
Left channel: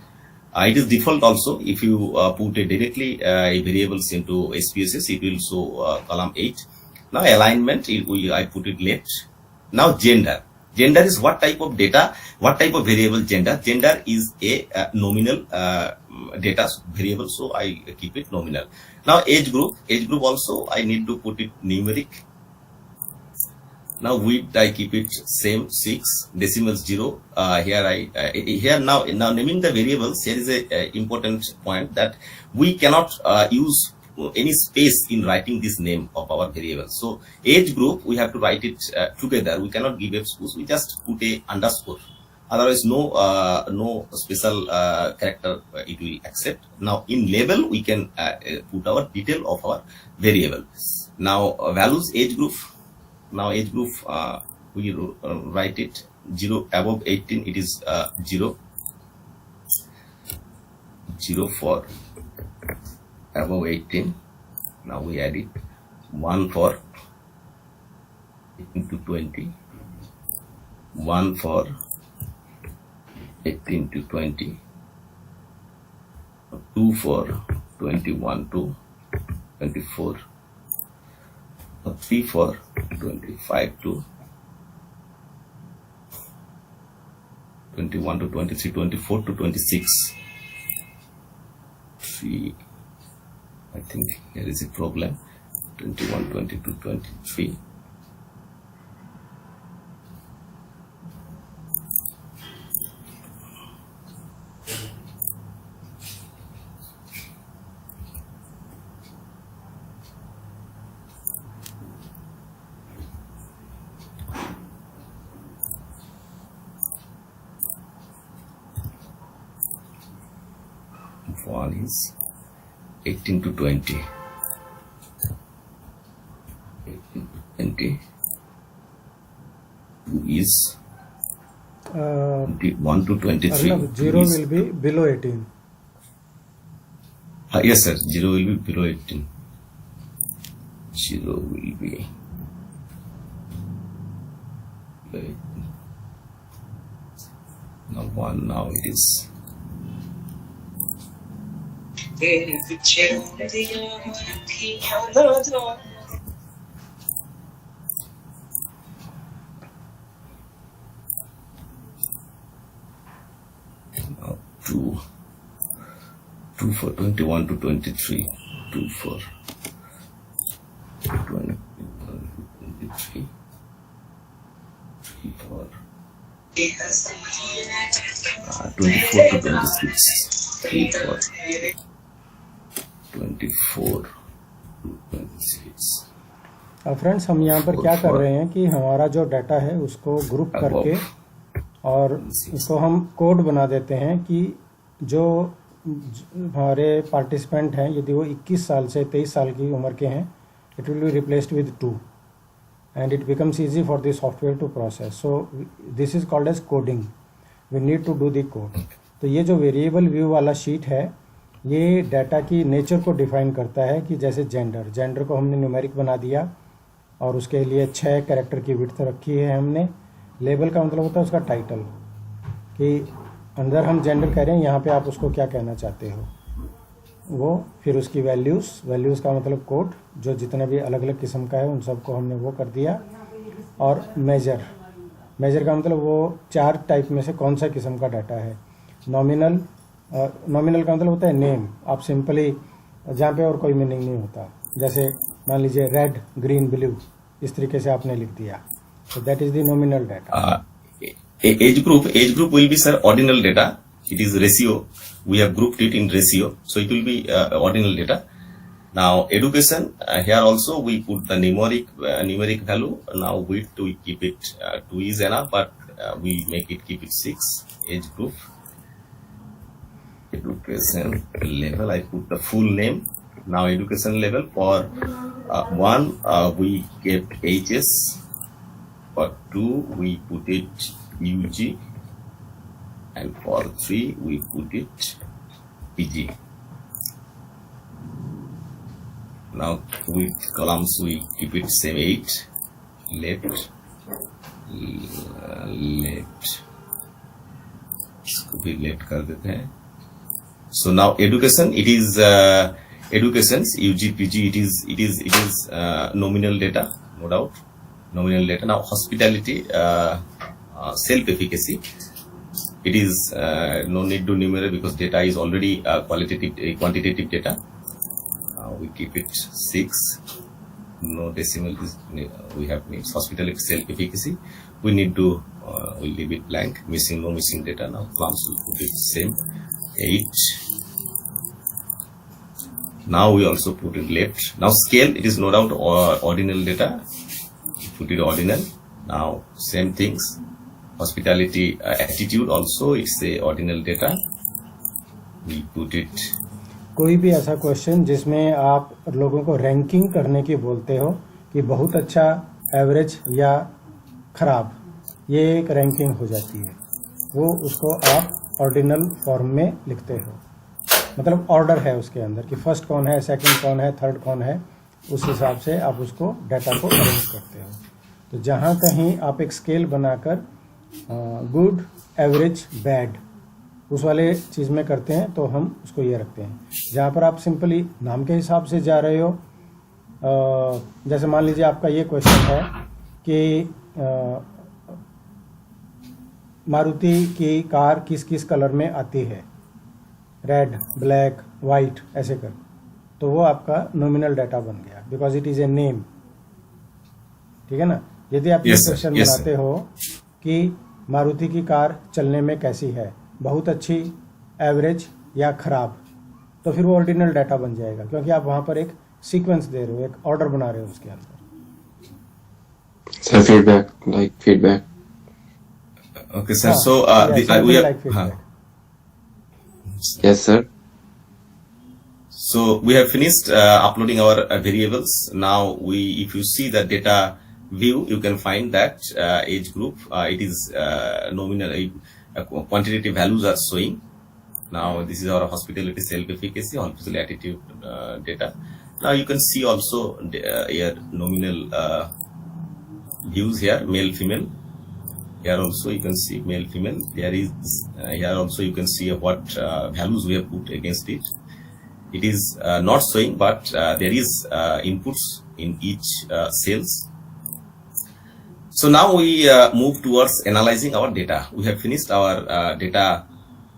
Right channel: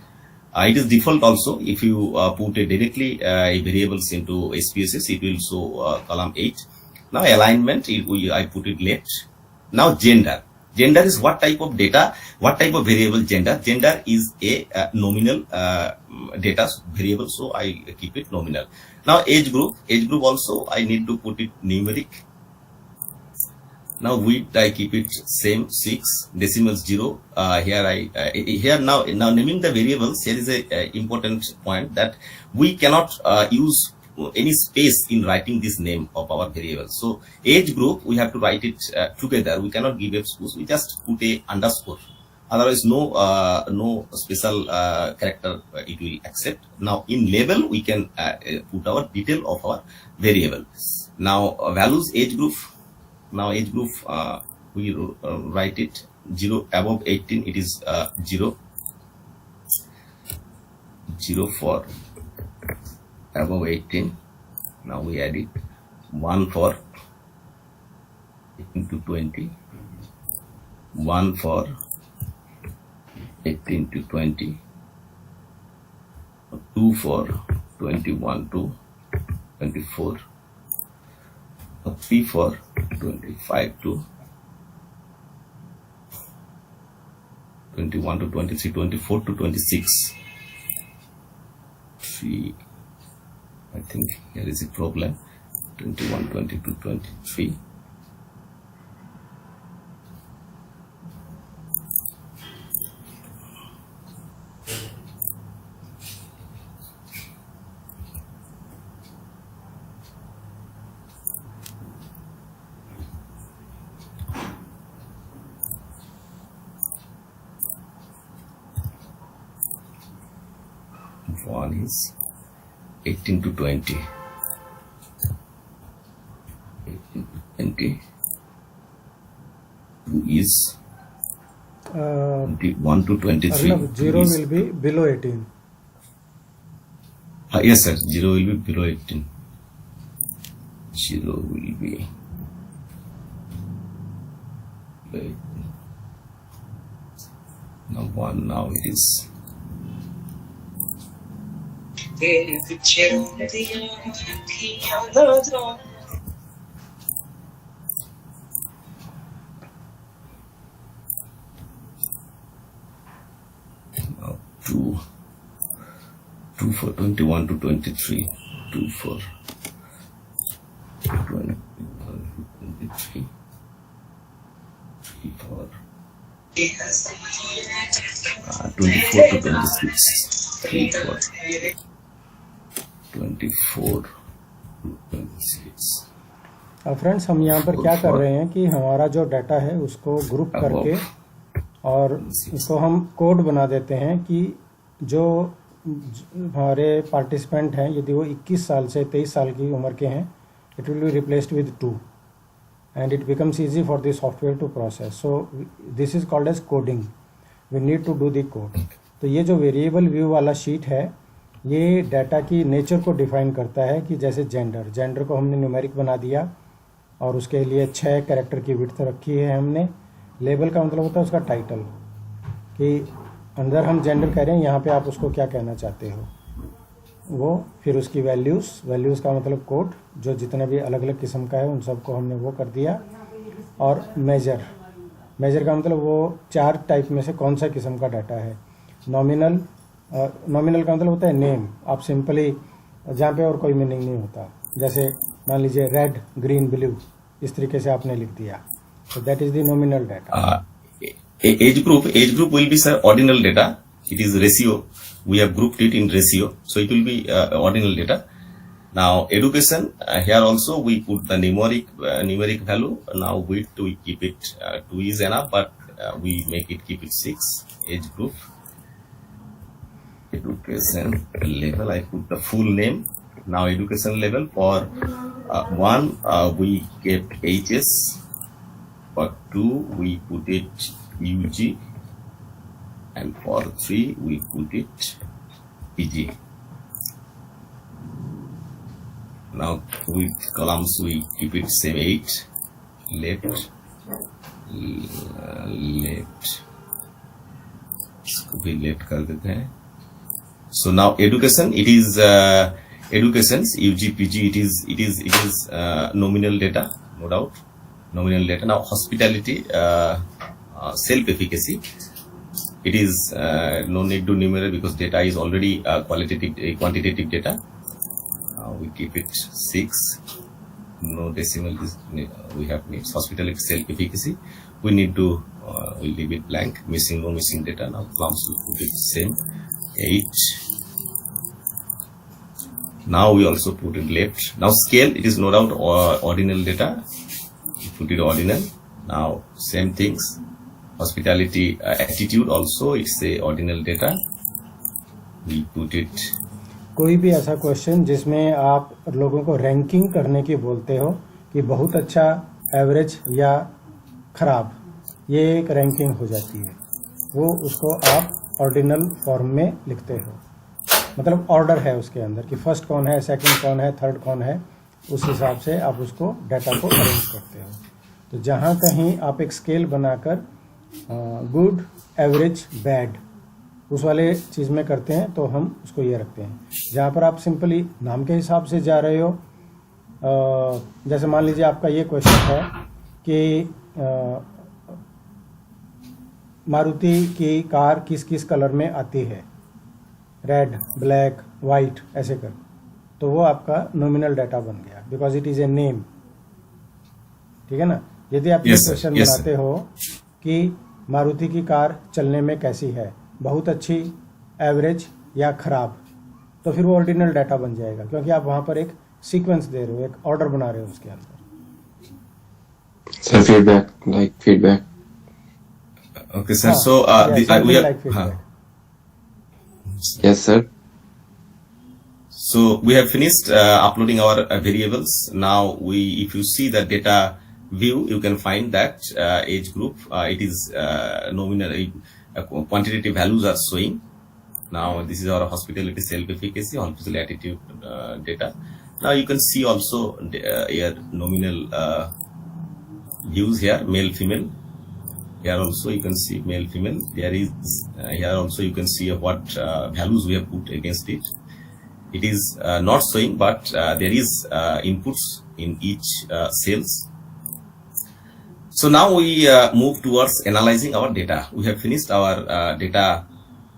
It is default also. If you put directly a variables into SPSS, it will show column 8. Now alignment, I put it left. Now gender. Gender is what type of data, what type of variable gender. Gender is a nominal data variable, so I keep it nominal. Now age group also I need to put it numeric. Now width I keep it same 6, decimals 0. Here now naming the variables, here is a important point that we cannot use any space in writing this name of our variable. So age group we have to write it together. We cannot give a space. We just put a underscore. Otherwise no special character it will accept. Now in label we can put our detail of our variable. Now values age group. Now age group we write it 0 above 18. It is 0 for above 18. Now we add it 1 for 18 to 20, 1 for 18 to 20, 2 for 21 to 24, 3 for 25 to 21 to 23, 24 to 26. 3, I think here is a problem. 21, 22, 23. One is 18 to 20. 18 to 20. 2 is 21 to 23. Arnav, 0 will be below 18. Yes, sir. 0 will be below 18. 0 will be below 18. Now 1. Now it is. Now 2 for 21 to 23, 2 for 21 to 23, 3 for 24 to 26, 3 for 24 to 26. अब friends हम यहाँ पर क्या कर रहे हैं कि हमारा जो डाटा है उसको ग्रुप करके और उसको हम कोड बना देते हैं कि जो हमारे पार्टिसिपेंट हैं यदि वो 21 साल से 23 साल की उम्र के हैं, it will be replaced with 2 and it becomes easy for the software to process. So this is called as coding. We need to do the code. तो ये जो वेरिएबल व्यू वाला शीट है ये डाटा की नेचर को define करता है कि जैसे जेंडर को हमने न्यूमेरिक बना दिया और उसके लिए 6 कैरेक्टर की विड्थ रखी है हमने. लेबल का मतलब होता है उसका टाइटल कि अंदर हम जेंडर कह रहे हैं, यहाँ पे आप उसको क्या कहना चाहते हो वो. फिर उसकी वैल्यूज़ का मतलब कोड जो जितने भी अलग अलग किस्म का है उन सबको हमने वो कर दिया. और मेजर का मतलब वो 4 टाइप में से कौन सा किस्म का डाटा है. नॉमिनल का मतलब होता है नेम. आप सिंपली जहाँ पे और कोई मीनिंग नहीं होता, जैसे मान लीजिए रेड ग्रीन ब्लू इस तरीके से आपने लिख दिया, तो that is the nominal data. Age group will be sir ordinal data. It is ratio. We have grouped it in ratio, so it will be ordinal data. Now education, here also we put the numeric value. Now width we keep it 2 is enough, but we make it keep it 6. Age group, education level, I put the full name. Now education level for 1 we kept HS, for 2 we put it UG, and for 3 we put it PG. Now with columns we keep it same 8, left, left, इसको भी left कर देते हैं. So now education, it is educations UG PG, it is nominal data, no doubt, nominal data. Now hospitality, self-efficacy, it is no need to numerate because data is already quantitative data. We keep it 6, no decimal we have needs. Hospitality self-efficacy, we need to we leave it blank, missing, no missing data. Now plums we put it same 8. Now we also put it left. Now scale, it is no doubt ordinal data, we put it ordinal. Now same things, hospitality attitude also, it's a ordinal data, we put it. कोई भी ऐसा question जिसमें आप लोगों को ranking करने की बोलते हो कि बहुत अच्छा, एवरेज या खराब, ये एक रैंकिंग हो जाती है, वो उसको आप ऑर्डिनल फॉर्म में लिखते हो. मतलब ऑर्डर है उसके अंदर कि फर्स्ट कौन है, सेकंड कौन है, थर्ड कौन है, उस हिसाब से आप उसको डाटा को अरेंज करते हो. तो जहाँ कहीं आप एक स्केल बनाकर गुड, एवरेज, बैड उस वाले चीज़ में करते हैं तो हम उसको ये रखते हैं. जहाँ पर आप सिंपली नाम के हिसाब से जा रहे हो, जैसे मान लीजिए आपका ये क्वेश्चन है कि मारुति की कार किस किस कलर में आती है, रेड, ब्लैक, वाइट, ऐसे कर, तो वो आपका नॉमिनल डाटा बन गया because it is a name. ठीक है ना. यदि आप ये क्वेश्चन बनाते हो कि मारुति की कार चलने में कैसी है, बहुत अच्छी, एवरेज या खराब, तो फिर वो ऑर्डिनल डाटा बन जाएगा क्योंकि आप वहां पर एक सीक्वेंस दे रहे हो, एक ऑर्डर बना रहे हो उसके अंदर. Sir feedback, like feedback. Okay sir, so we have, like feedback. Yes sir. So we have finished uploading our variables. Now if you see the data view, you can find that age group, it is nominal, quantitative values are showing. Now this is our hospitality self-efficacy, hospitality attitude data. Now you can see also here nominal views here, male, female. Here also you can see male, female. There is here also you can see what values we have put against it. It is not showing, but there is inputs in each cells. So now we move towards analyzing our data. We have finished our data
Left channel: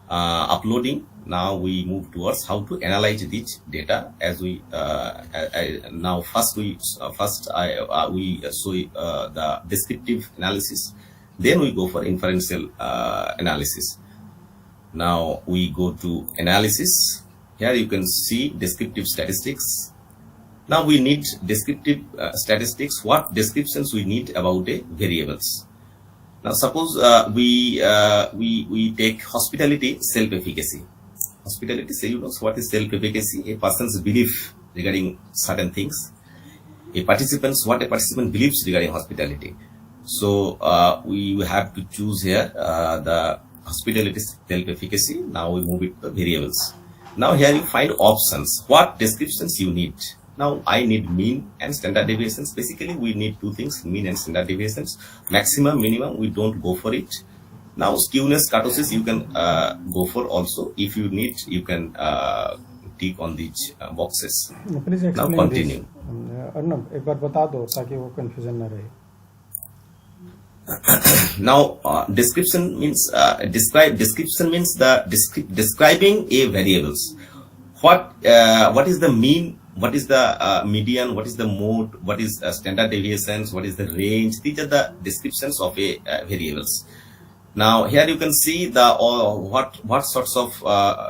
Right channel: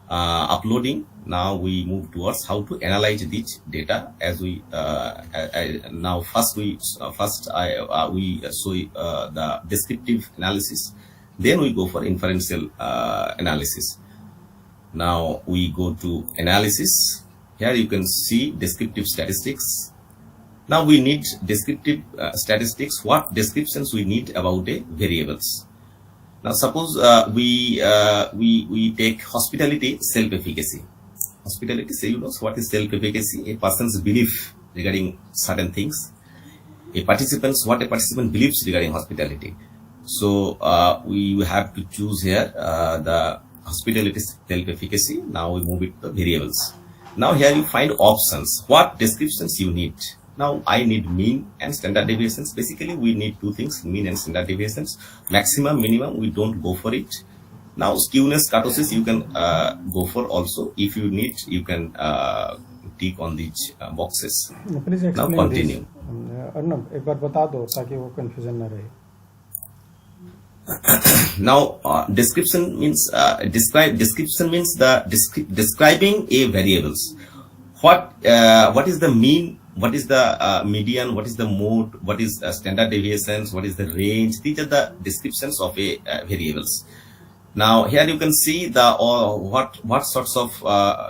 uploading. Now we move towards how to analyze this data. As we now first we show the descriptive analysis. Then we go for inferential analysis. Now we go to analysis. Here you can see descriptive statistics. Now we need descriptive statistics. What descriptions we need about a variables. Now suppose we take hospitality self-efficacy. Hospitality, say you know what is self-efficacy? A person's belief regarding certain things. What a participant believes regarding hospitality. So we have to choose here the hospitality self-efficacy. Now we move it to variables. Now here you find options. What descriptions you need. Now I need mean and standard deviations. Basically we need two things, mean and standard deviations. Maximum, minimum, we don't go for it. Now skewness, kurtosis you can go for also. If you need, you can tick on these boxes. Please explain now continue. Arnab एक बार बता दो ताकि वो confusion ना रहे. Now description means description means the describing a variables. What is the mean, what is the median, what is the mode, what is standard deviations, what is the range. These are the descriptions of a variables. Now here you can see the what sorts of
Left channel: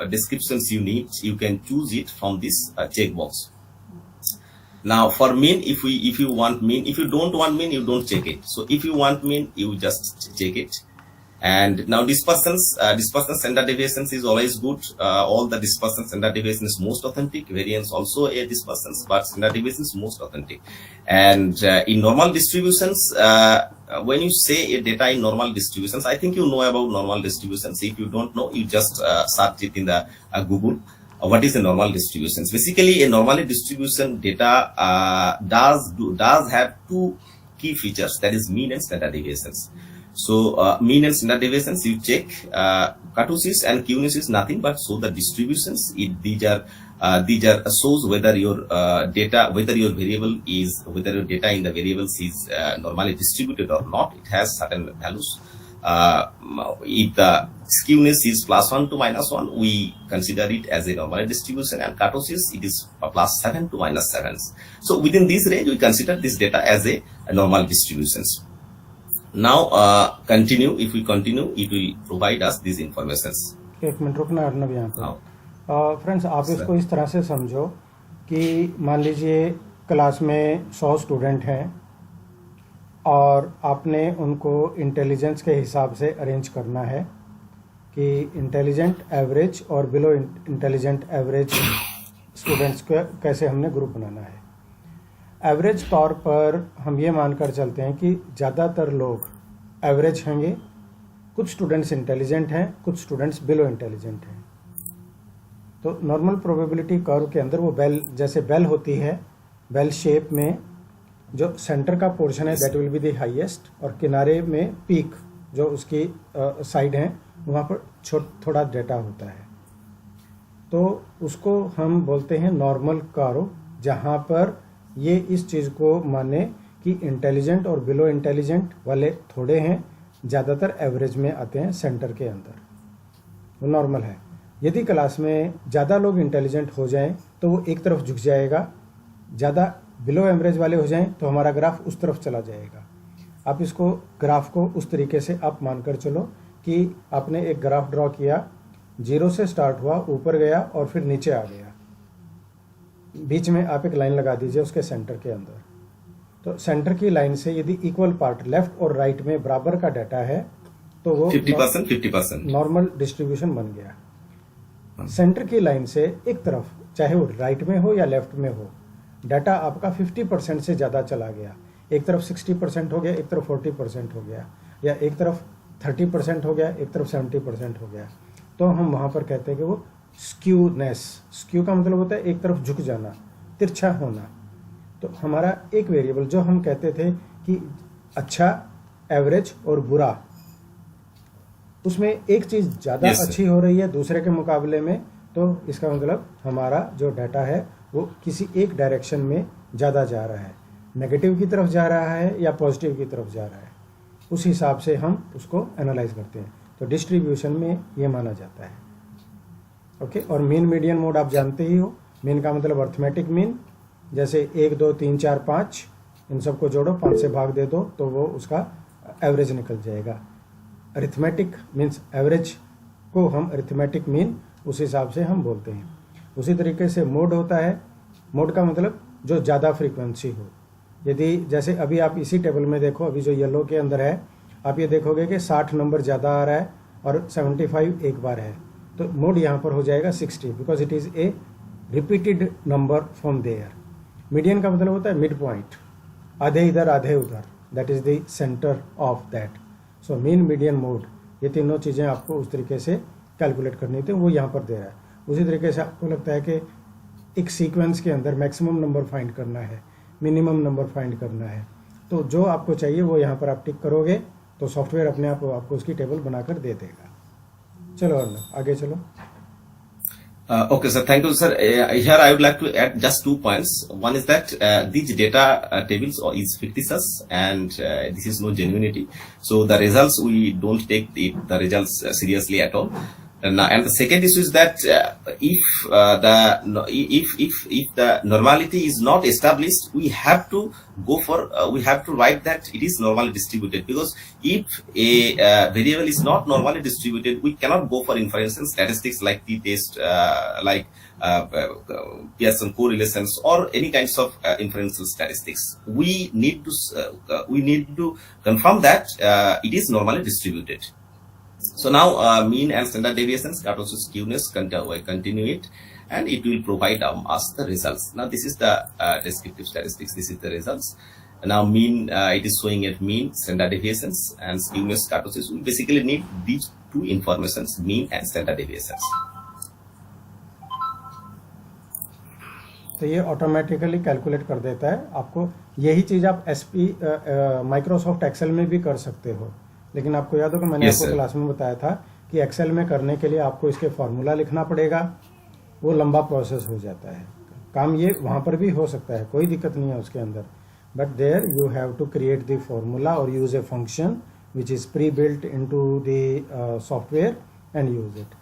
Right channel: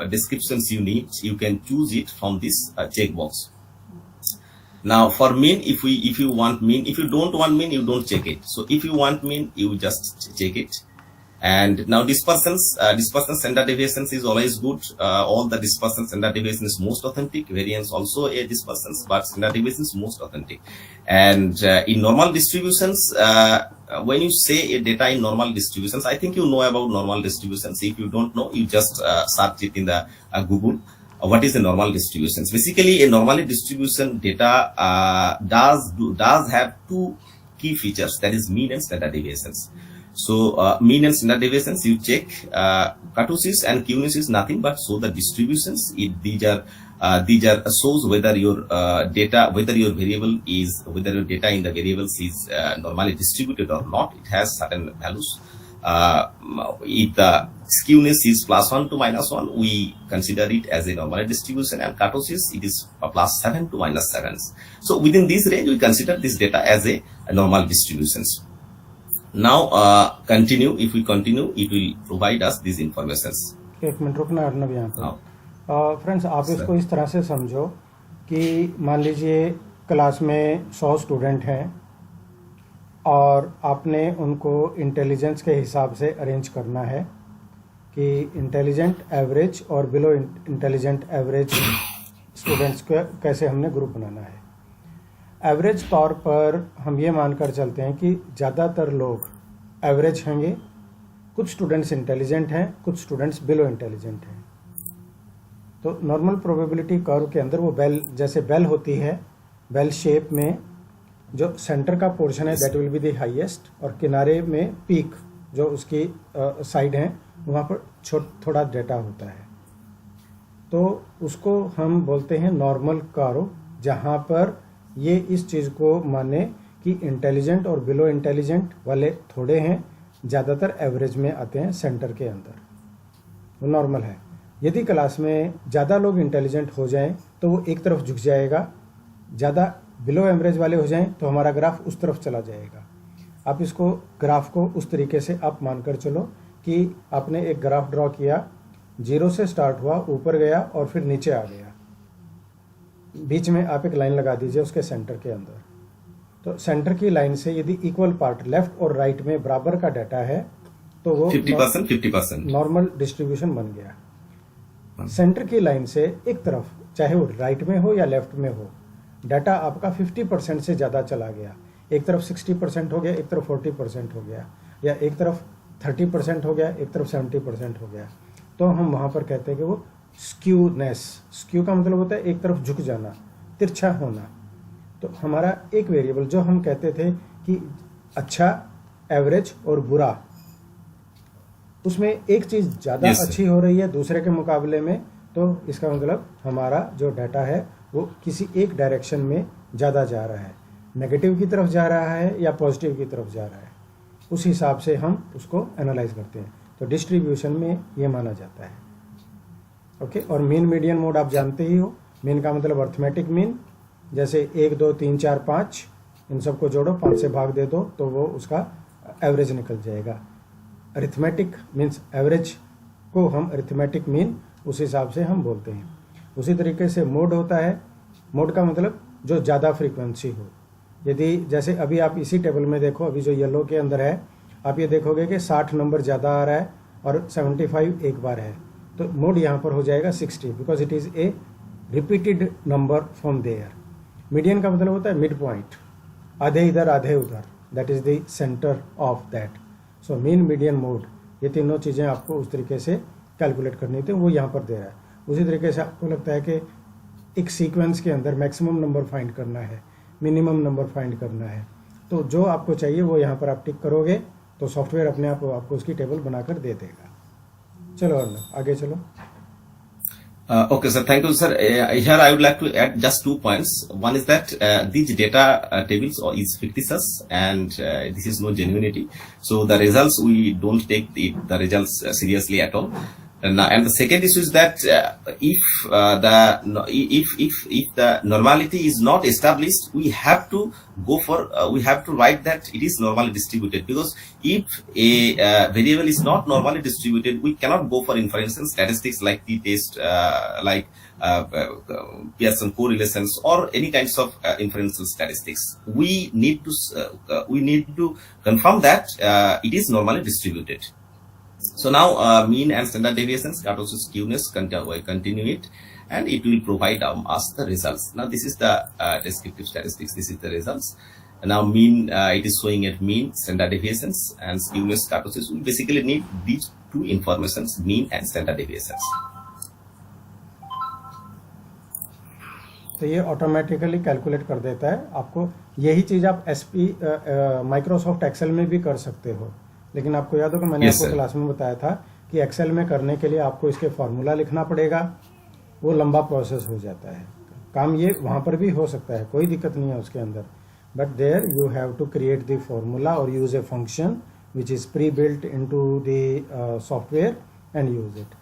descriptions you need. You can choose it from this checkbox. Now for mean, if you want mean, if you don't want mean, you don't check it. So if you want mean, you just check it. And now dispersion standard deviations is always good. All the dispersion standard deviation is most authentic. Variance also a dispersions, but standard deviation is most authentic. And in normal distributions, when you say a data in normal distributions, I think you know about normal distributions. If you don't know, you just search it in the Google. What is a normal distributions? Basically, a normal distribution data does have two key features, that is mean and standard deviations. So mean and standard deviations you check. Kurtosis and cueness is nothing but show the distributions. These are shows whether your data, whether your variable is, whether your data in the variables is normally distributed or not. It has certain values. If the skewness is +1 to -1, we consider it as a normal distribution, and kurtosis it is +7 to -7. So within this range, we consider this data as a normal distributions. Now continue. If we continue, it will provide us these informations. एक minute रुकना अर्नब यहाँ हाँ। पर। Friends, आप इसको इस तरह से समझो कि मान लीजिए क्लास में 100 स्टूडेंट हैं और आपने उनको इंटेलिजेंस के हिसाब से अरेंज करना है कि इंटेलिजेंट, एवरेज और बिलो इंटेलिजेंट एवरेज स्टूडेंट्स को कैसे हमने ग्रुप बनाना है। एवरेज तौर पर हम ये मानकर चलते हैं कि ज़्यादातर लोग एवरेज होंगे, कुछ स्टूडेंट्स इंटेलिजेंट हैं, कुछ स्टूडेंट्स बिलो इंटेलिजेंट हैं। तो नॉर्मल प्रोबेबिलिटी कर्व के अंदर वो बेल, जैसे बेल होती है, बेल शेप में जो सेंटर का पोर्शन है that will be the highest, और किनारे में पीक जो उसकी साइड है वहाँ पर थोड़ा डेटा होता है। तो उसको हम बोलते हैं नॉर्मल कर्व, जहाँ पर ये इस चीज़ को माने कि इंटेलिजेंट और बिलो इंटेलिजेंट वाले थोड़े हैं, ज़्यादातर एवरेज में आते हैं सेंटर के अंदर, वो नॉर्मल है। यदि क्लास में ज़्यादा लोग इंटेलिजेंट हो जाएं तो वो एक तरफ झुक जाएगा, ज़्यादा बिलो एवरेज वाले हो जाएं तो हमारा ग्राफ उस तरफ चला जाएगा। आप इसको ग्राफ को उस तरीके से आप मानकर चलो कि आपने एक ग्राफ ड्रॉ किया, 0 से स्टार्ट हुआ, ऊपर गया और फिर नीचे आ गया, बीच में आप एक लाइन लगा दीजिए उसके सेंटर के अंदर। तो सेंटर की लाइन से यदि इक्वल पार्ट लेफ्ट और राइट में बराबर का डाटा है तो वो 50% नॉर्मल डिस्ट्रीब्यूशन बन गया। सेंटर की लाइन से एक तरफ, चाहे वो राइट में हो या लेफ्ट में हो, डाटा आपका 50% से ज़्यादा चला गया, एक तरफ 60% हो गया, एक तरफ 40% हो गया, या एक तरफ 30% हो गया, एक तरफ 70% हो गया, तो हम वहाँ पर कहते हैं कि वो स्क्यूनेस। स्क्यू का मतलब होता है एक तरफ झुक जाना, तिरछा होना। तो हमारा एक वेरिएबल जो हम कहते थे कि अच्छा, एवरेज और बुरा, उसमें एक चीज़ ज़्यादा अच्छी हो रही है दूसरे के मुकाबले में, तो इसका मतलब हमारा जो डाटा है वो किसी एक डायरेक्शन में ज़्यादा जा रहा है, नेगेटिव की तरफ जा रहा है या पॉजिटिव की तरफ जा रहा है, उस हिसाब से हम उसको एनालाइज करते हैं। तो डिस्ट्रीब्यूशन में ये माना जाता है। ओके, और मीन मीडियन मोड आप जानते ही हो। मीन का मतलब अर्थमेटिक मीन, जैसे 1 2 3 4 5 इन सबको जोड़ो, 5 से भाग दे दो तो वो उसका एवरेज निकल जाएगा। अरिथमेटिक मीन्स एवरेज को हम अरिथमेटिक मीन उस हिसाब से हम बोलते हैं। उसी तरीके से मोड होता है। मोड का मतलब जो ज़्यादा फ्रीक्वेंसी हो। यदि जैसे अभी आप इसी टेबल में देखो, अभी जो येलो के अंदर है, आप ये देखोगे कि 60 नंबर ज़्यादा आ रहा है और 75 एक बार है, तो मोड यहाँ पर हो जाएगा 60 because it is a repeated number from there. Median का मतलब होता है मिड पॉइंट, आधे इधर आधे उधर, that is the centre of that. So mean median mode, ये तीनों चीज़ें आपको उस तरीके से कैलकुलेट करनी थी, वो यहाँ पर दे रहा है। उसी तरीके से आपको लगता है कि एक सीक्वेंस के अंदर मैक्सिमम नंबर फाइंड करना है, मिनिमम नंबर फाइंड करना है, तो जो आपको चाहिए वो यहाँ पर आप टिक करोगे तो सॉफ्टवेयर अपने आप आपको उसकी टेबल बनाकर दे देगा। चलो अर्नब आगे चलो। Okay, sir. Thank you, sir. Here I would like to add just 2 points. One is that these data tables is fictitious, and this is no genuinity. So the results, we don't take the results seriously at all. And the second issue is that if the normality is not established, we have to go for we have to write that it is normally distributed, because if a variable is not normally distributed, we cannot go for inference and statistics like t-test, like Pearson correlations or any kinds of inferential statistics. We need to confirm that it is normally distributed. So now mean and standard deviations, kurtosis, skewness, continue it, and it will provide us the results. Now this is the descriptive statistics, this is the results, Now mean, it is showing at mean, standard deviations, and skewness kurtosis. We basically need these two informations, mean and standard deviations. तो ये automatically calculate कर देता है आपको। यही चीज़ आप Microsoft Excel में भी कर सकते हो, लेकिन आपको याद हो कि मैंने आपको क्लास में बताया था कि एक्सेल में करने के लिए आपको इसके फॉर्मूला लिखना पड़ेगा, वो लंबा प्रोसेस हो जाता है। काम ये वहाँ पर भी हो सकता है, कोई दिक्कत नहीं है उसके अंदर, but there you have to create the formula और use a function which is pre built into the software and use it.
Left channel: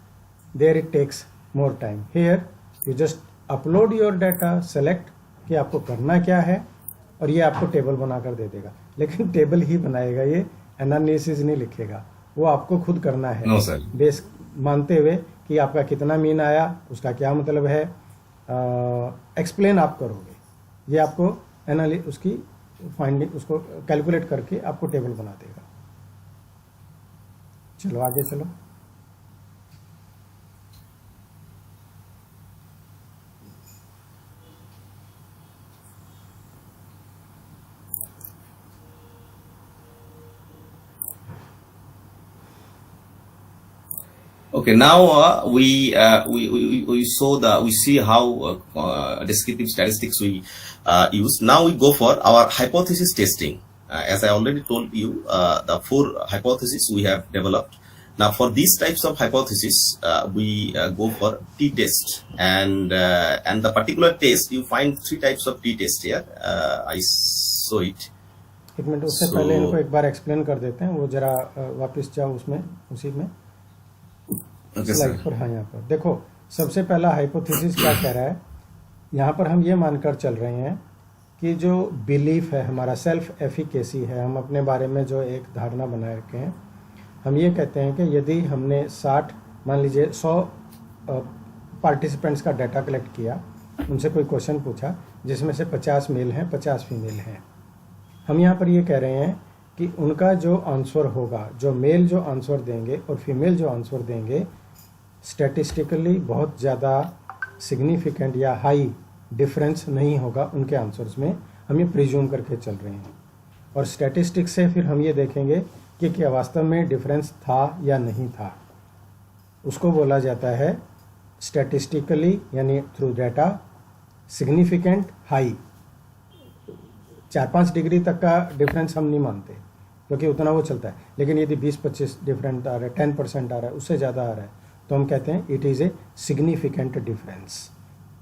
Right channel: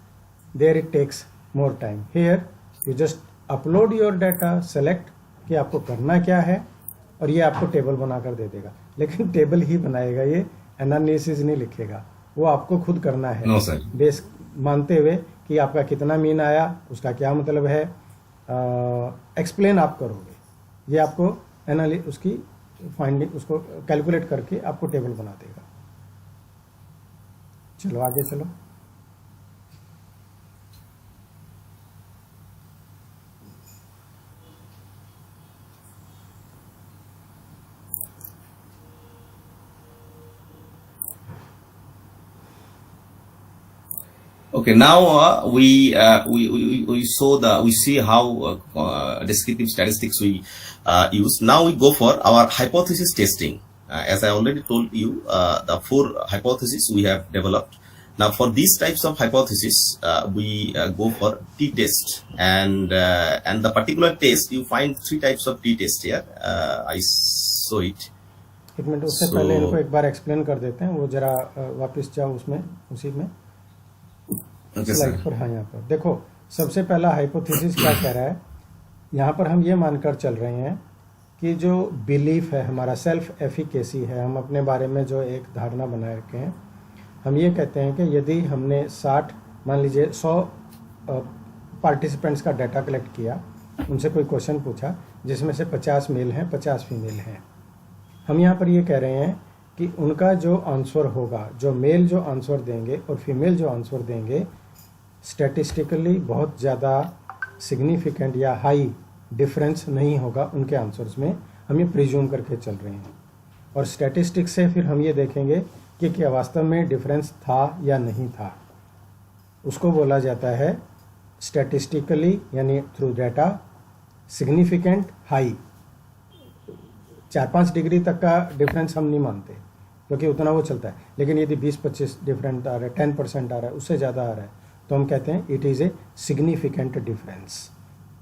There it takes more time. Here you just upload your data, select कि आपको करना क्या है, और ये आपको table बनाकर दे देगा। लेकिन टेबल ही बनाएगा, ये एनालिसिस नहीं लिखेगा, वो आपको खुद करना है। No sir. बेस मानते हुए कि आपका कितना मीन आया, उसका क्या मतलब है, एक्सप्लेन आप करोगे, ये आपको उसकी फाइंडिंग उसको कैलकुलेट करके आपको टेबल बना देगा। चलो आगे चलो। Okay, now we see how descriptive statistics we use. Now we go for our hypothesis testing. As I already told you, the 4 hypotheses we have developed. Now for these types of hypothesis, we go for t-test, and the particular test you find 3 types of t-test here. I saw it. एक minute, उससे पहले इनको एक बार explain कर देते हैं, वो जरा वापस जाओ उसमें, उसी में स्लाइड पर। हाँ, यहाँ पर देखो, सबसे पहला हाइपोथेसिस क्या कह रहा है। यहाँ पर हम ये मानकर चल रहे हैं कि जो बिलीफ है हमारा, सेल्फ एफिकेसी है, हम अपने बारे में जो एक धारणा बनाए रखे हैं, हम ये कहते हैं कि यदि हमने 60 मान लीजिए 100 पार्टिसिपेंट्स का डाटा कलेक्ट किया, उनसे कोई क्वेश्चन पूछा जिसमें से 50 मेल हैं 50 फीमेल हैं, हम यहाँ पर ये कह रहे हैं कि उनका जो आंसर होगा, जो मेल जो आंसर देंगे और फीमेल जो आंसर देंगे, स्टैटिस्टिकली बहुत ज़्यादा सिग्निफिकेंट या हाई डिफरेंस नहीं होगा उनके आंसर्स में, हम ये प्रिज्यूम करके चल रहे हैं। और स्टैटिस्टिक्स से फिर हम ये देखेंगे कि क्या वास्तव में डिफरेंस था या नहीं था। उसको बोला जाता है स्टैटिस्टिकली, यानी through data, significant high. 4-5 degree तक का डिफरेंस हम नहीं मानते क्योंकि उतना वो चलता है, लेकिन यदि 20-25 डिफरेंट आ रहा है, 10% आ रहा है, उससे ज़्यादा आ रहा है, तो हम कहते हैं it is a significant difference.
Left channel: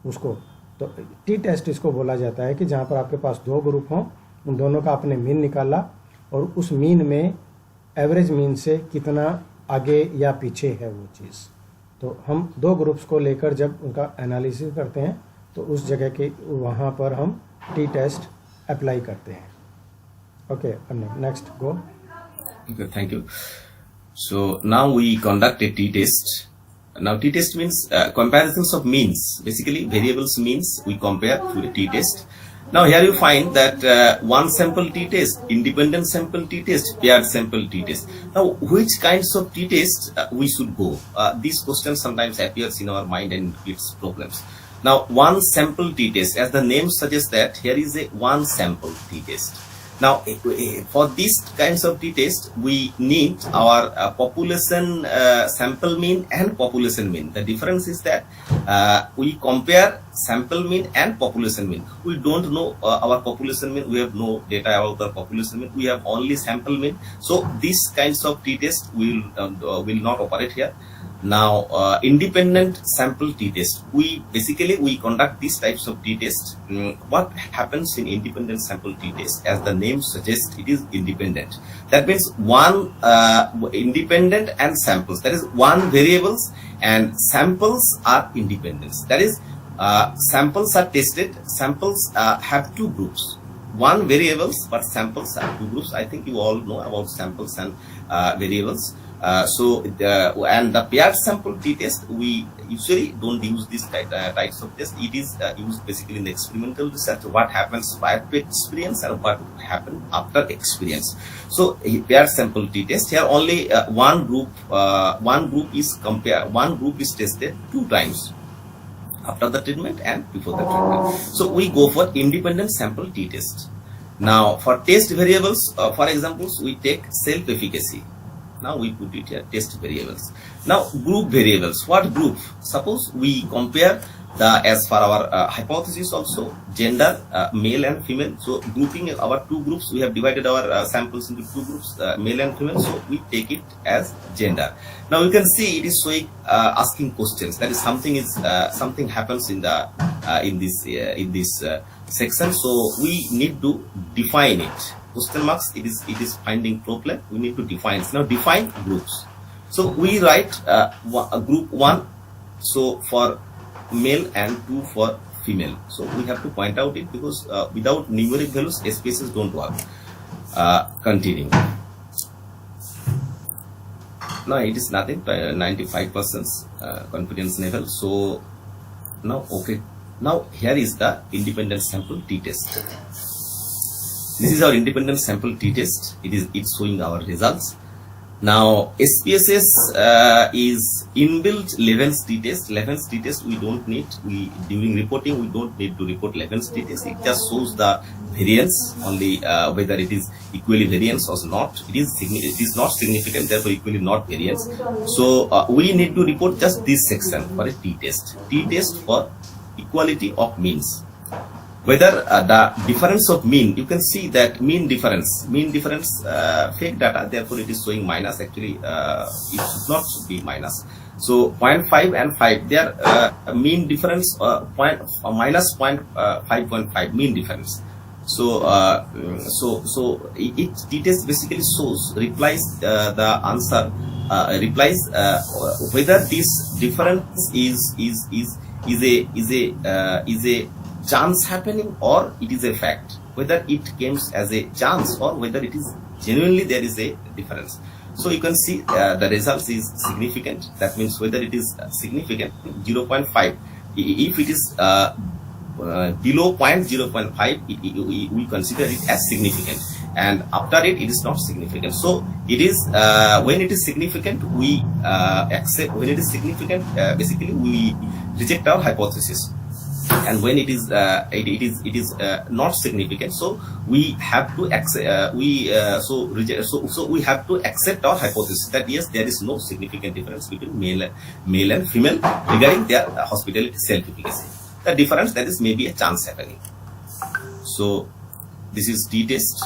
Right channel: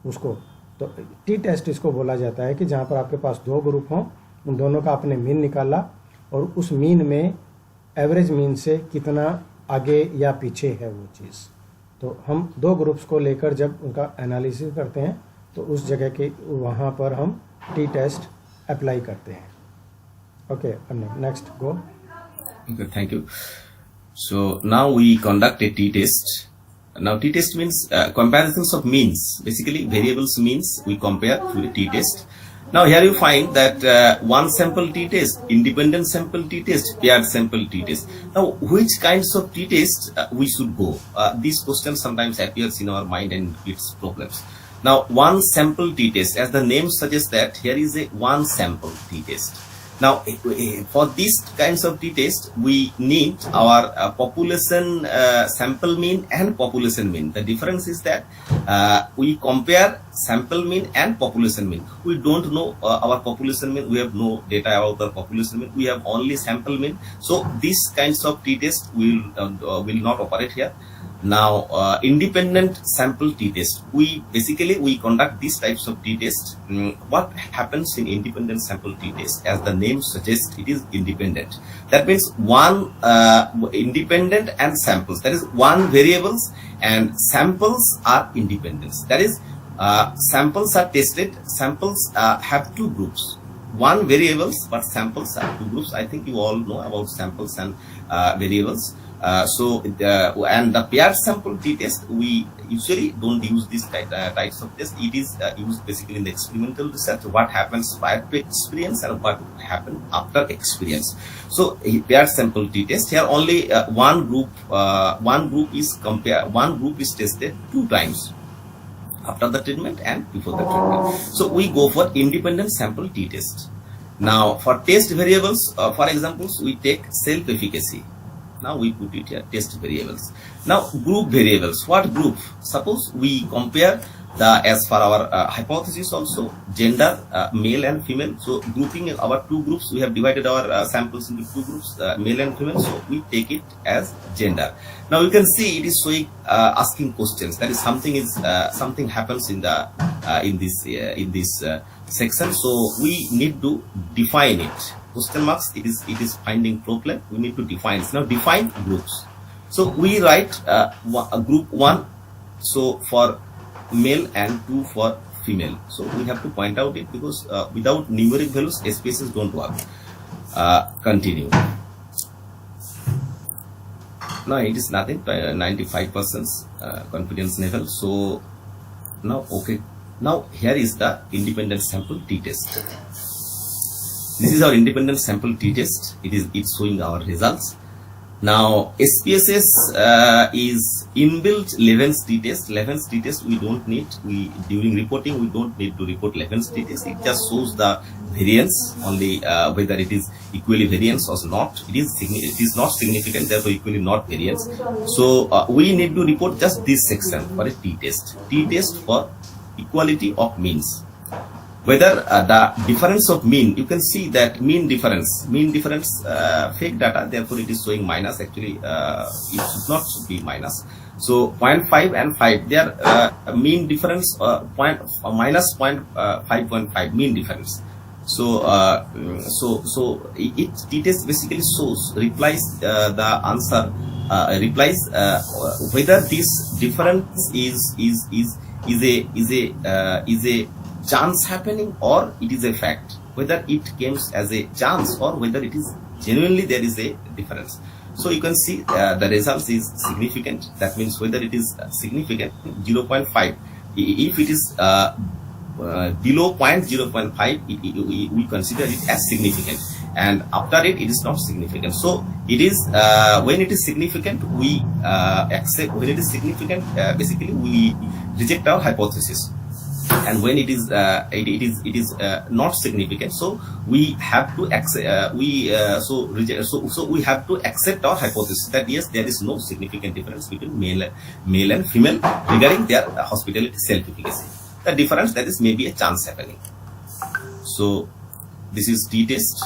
उसको तो टी टेस्ट इसको बोला जाता है कि जहाँ पर आपके पास 2 ग्रुप हों, उन दोनों का आपने मीन निकाला और उस मीन में एवरेज मीन से कितना आगे या पीछे है वो चीज़। तो हम 2 ग्रुप्स को लेकर जब उनका एनालिसिस करते हैं तो उस जगह के वहाँ पर हम टी टेस्ट अप्लाई करते हैं। Okay, next go. Okay, thank you. So now we conduct a t-test. Now t-test means comparisons of means. Basically variables means we compare to a t-test. Now here you find that one sample t-test, independent sample t-test, paired sample t-test. Now which kinds of t-test we should go? These questions sometimes appears in our mind and gives problems. Now one sample t-test, as the name suggests that here is a one sample t-test. Now for these kinds of t-test we need our population sample mean and population mean. The difference is that we compare sample mean and population mean. We don't know our population mean, we have no data about the population mean, we have only sample mean. So these kinds of t-test will not operate here. Now independent sample t-test, we conduct these types of t-test. What happens in independent sample t-test? As the name suggests, it is independent. That means one independent and samples, that is one variables and samples are independent. That is samples are tested, samples have 2 groups, one variables but samples are 2 groups. I think you all know about samples and variables. And the paired sample t-test, we usually don't use these types of test. It is used basically in the experimental research, what happens prior to experience and what would happen after experience. So paired sample t-test, here only one group is tested 2 times, after the treatment and before the treatment. So we go for independent sample t-test. Now for test variables, for examples, we take self-efficacy. Now we put it here, test variables. Now group variables. What group? Suppose we compare as for our hypothesis also, gender, male and female. So grouping our two groups, we have divided our samples into two groups, male and female. So we take it as gender. Now you can see it is showing asking questions. That is something happens in the in this section. So we need to define it. Question marks. It is finding problem. We need to define it. Now define groups. So we write group 1. So for male and 2 for female. So we have to point out it because without numeric values, SPSS don't work. Continue. Now it is nothing, 95% confidence level. So now okay. Now here is the independent sample t-test. This is our independent sample t-test. It's showing our results. Now SPSS is inbuilt Leven's t-test. Leven's t-test we don't need. During reporting we don't need to report Leven's t-test. It just shows the variance only, whether it is equally variance or not. It is not significant, therefore equally not variance. So we need to report just this section for a t-test. T-test for equality of means. Whether the difference of mean, you can see that mean difference fake data, therefore it is showing minus. Actually it should not be minus. So 0.5 and 5, they are mean difference minus 5.5 mean difference. So it t-test basically replies the answer, replies whether this difference is a chance happening or it is a fact, whether it comes as a chance or whether it is genuinely there is a difference. So you can see the results is significant. That means whether it is significant 0.5. If it is below 0.05, we consider it as significant, and after it is not significant. So it is when it is significant we accept. When it is significant, basically we reject our hypothesis, and when it is not significant, so we have to accept so we have to accept our hypothesis that yes, there is no significant difference between male and female regarding their hospitality self-efficacy. The difference, that is maybe a chance happening. So this is t-test.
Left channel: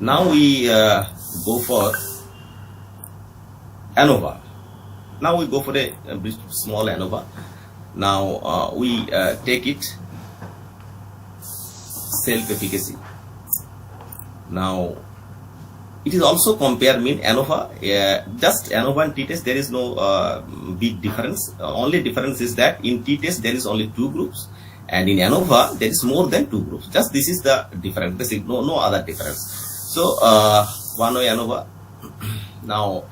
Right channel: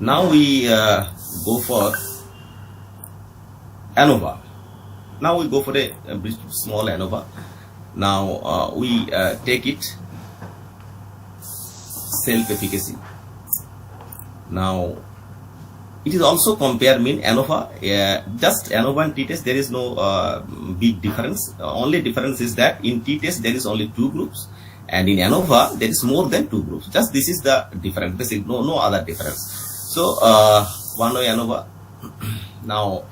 Now we go for ANOVA. Now we go for a small ANOVA. Now we take it self-efficacy. Now it is also compare mean ANOVA. Just ANOVA and t-test, there is no big difference. Only difference is that in t-test there is only 2 groups, and in ANOVA there is more than 2 groups. Just this is the difference. There is no other difference. So one way ANOVA. Now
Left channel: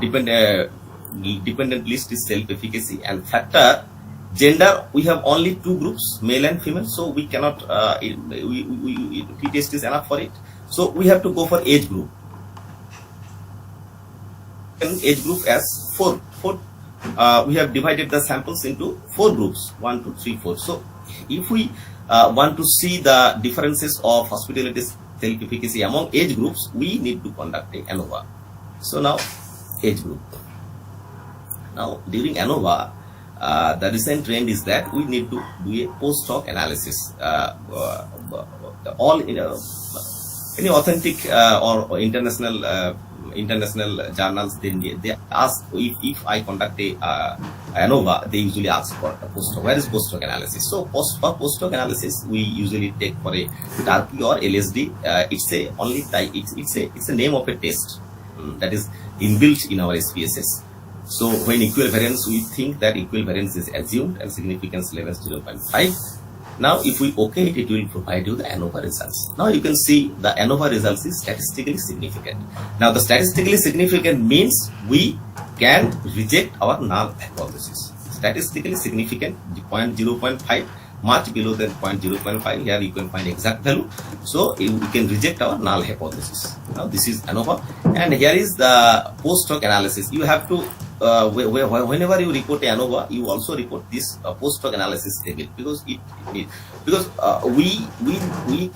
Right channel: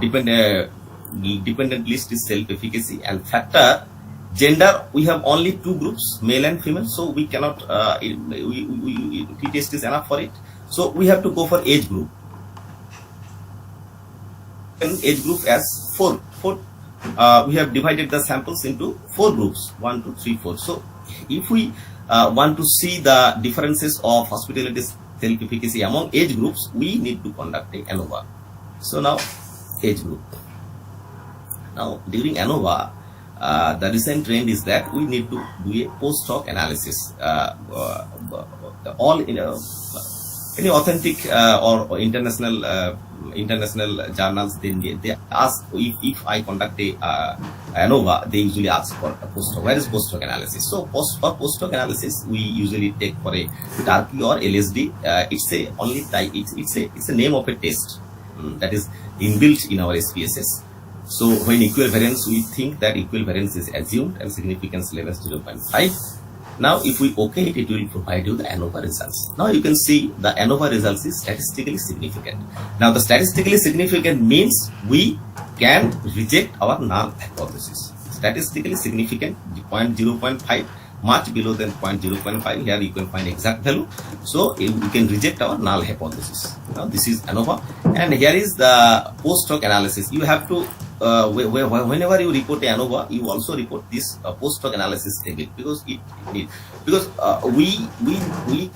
dependent list is self-efficacy, and factor gender, we have only 2 groups, male and female, so we cannot t-test is enough for it. So we have to go for age group. And age group as 4. We have divided the samples into 4 groups, 1, 2, 3, 4. So if we want to see the differences of hospitality self-efficacy among age groups, we need to conduct a ANOVA. So now age group. Now during ANOVA, the recent trend is that we need to do a post-hoc analysis. Any authentic or international journals, they ask if I conduct a ANOVA, they usually ask for a post-hoc. Where is post-hoc analysis? So for post-hoc analysis, we usually take for a TARPI or LSD. It's a name of a test that is inbuilt in our SPSS. So when equivariance, we think that equivariance is assumed and significance level is 0.5. Now if we OK it, it will provide you the ANOVA results. Now you can see the ANOVA results is statistically significant. Now the statistically significant means we can reject our null hypothesis. Statistically significant 0.5 much below than 0.5, here you can find exact value. So you can reject our null hypothesis. Now this is ANOVA, and here is the post hoc analysis. You have to whenever you report ANOVA, you also report this post hoc analysis table, because we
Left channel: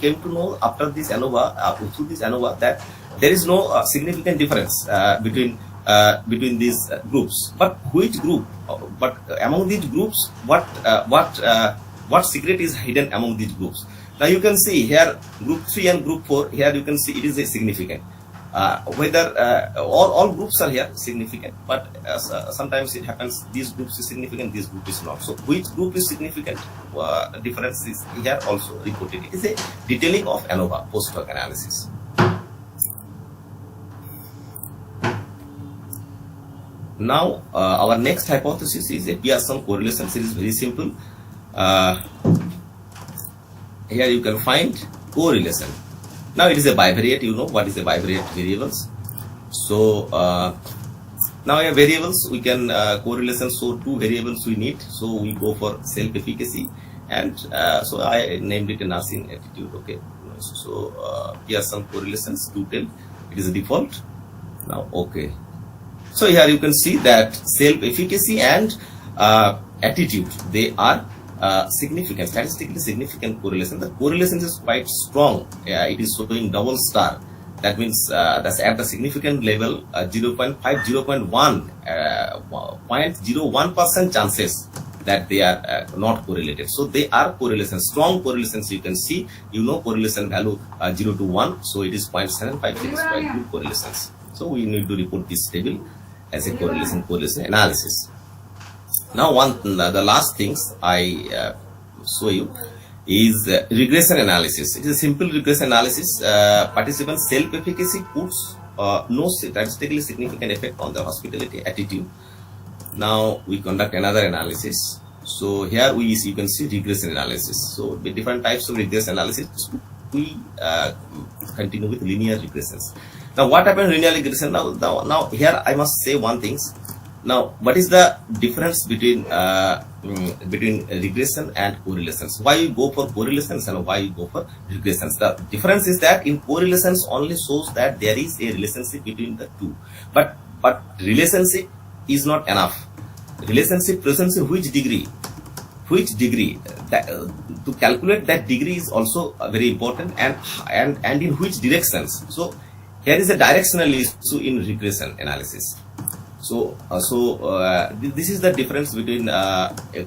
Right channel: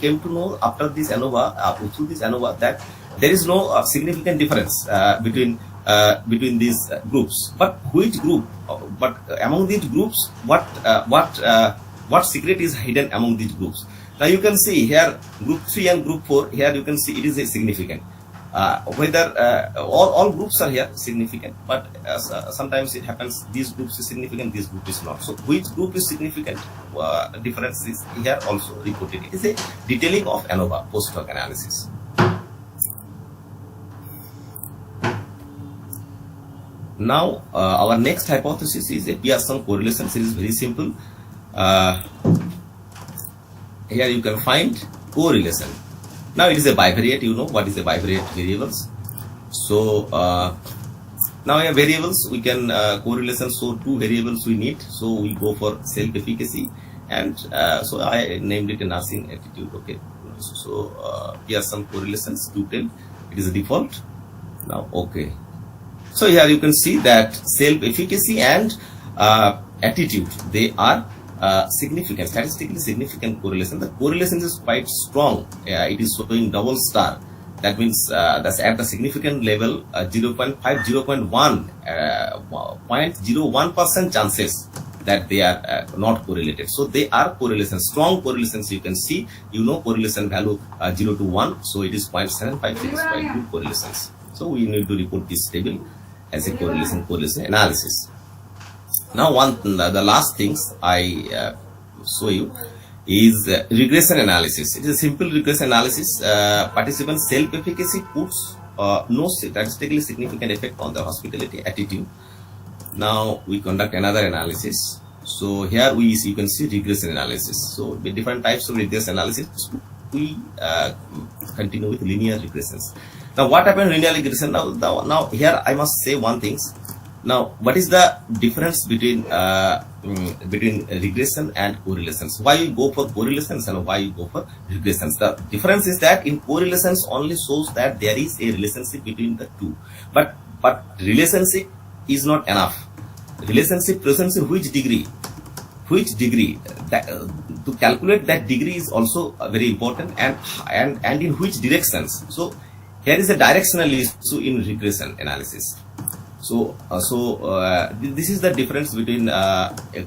came to know after this ANOVA, through this ANOVA, that there is no significant difference between these groups. But which group? But among these groups, what secret is hidden among these groups? Now you can see here group 3 and group 4. Here you can see it is a significant. Whether all groups are here significant, but sometimes it happens this group is significant, this group is not. So which group is significant? Difference is here also reported. It is a detailing of ANOVA, post hoc analysis. Now our next hypothesis is a Pearson correlation. It is very simple. Here you can find correlation. Now it is a bivariate. You know what is a bivariate variables. So now a variables we can correlation. So two variables we need. So we go for self-efficacy, and so I named it a nursing attitude. Okay. So Pearson correlations to tell it is a default. Now okay. So here you can see that self-efficacy and attitude, they are significant, statistically significant correlation. The correlation is quite strong. It is showing double star. That means that's at the significant level, 0.5, 0.1, 0.01% chances that they are not correlated. So they are correlations, strong correlations. You can see, you know, correlation value 0 to 1. So it is 0.75, it is quite good correlations. So we need to report this table as a correlation analysis. Now the last things I show you is regression analysis. It is a simple regression analysis. Participants self-efficacy puts no statistically significant effect on the hospitality attitude. Now we conduct another analysis. So here you can see regression analysis. So with different types of regression analysis, we continue with linear regressions. Now what happened in linear regression? Now here I must say one thing. Now what is the difference between regression and correlations? Why you go for correlations and why you go for regressions? The difference is that in correlations only shows that there is a relationship between the two, but relationship is not enough. Relationship presents in which degree that, to calculate that degree is also very important, and in which directions. So here is a directional issue in regression analysis. So this is the difference between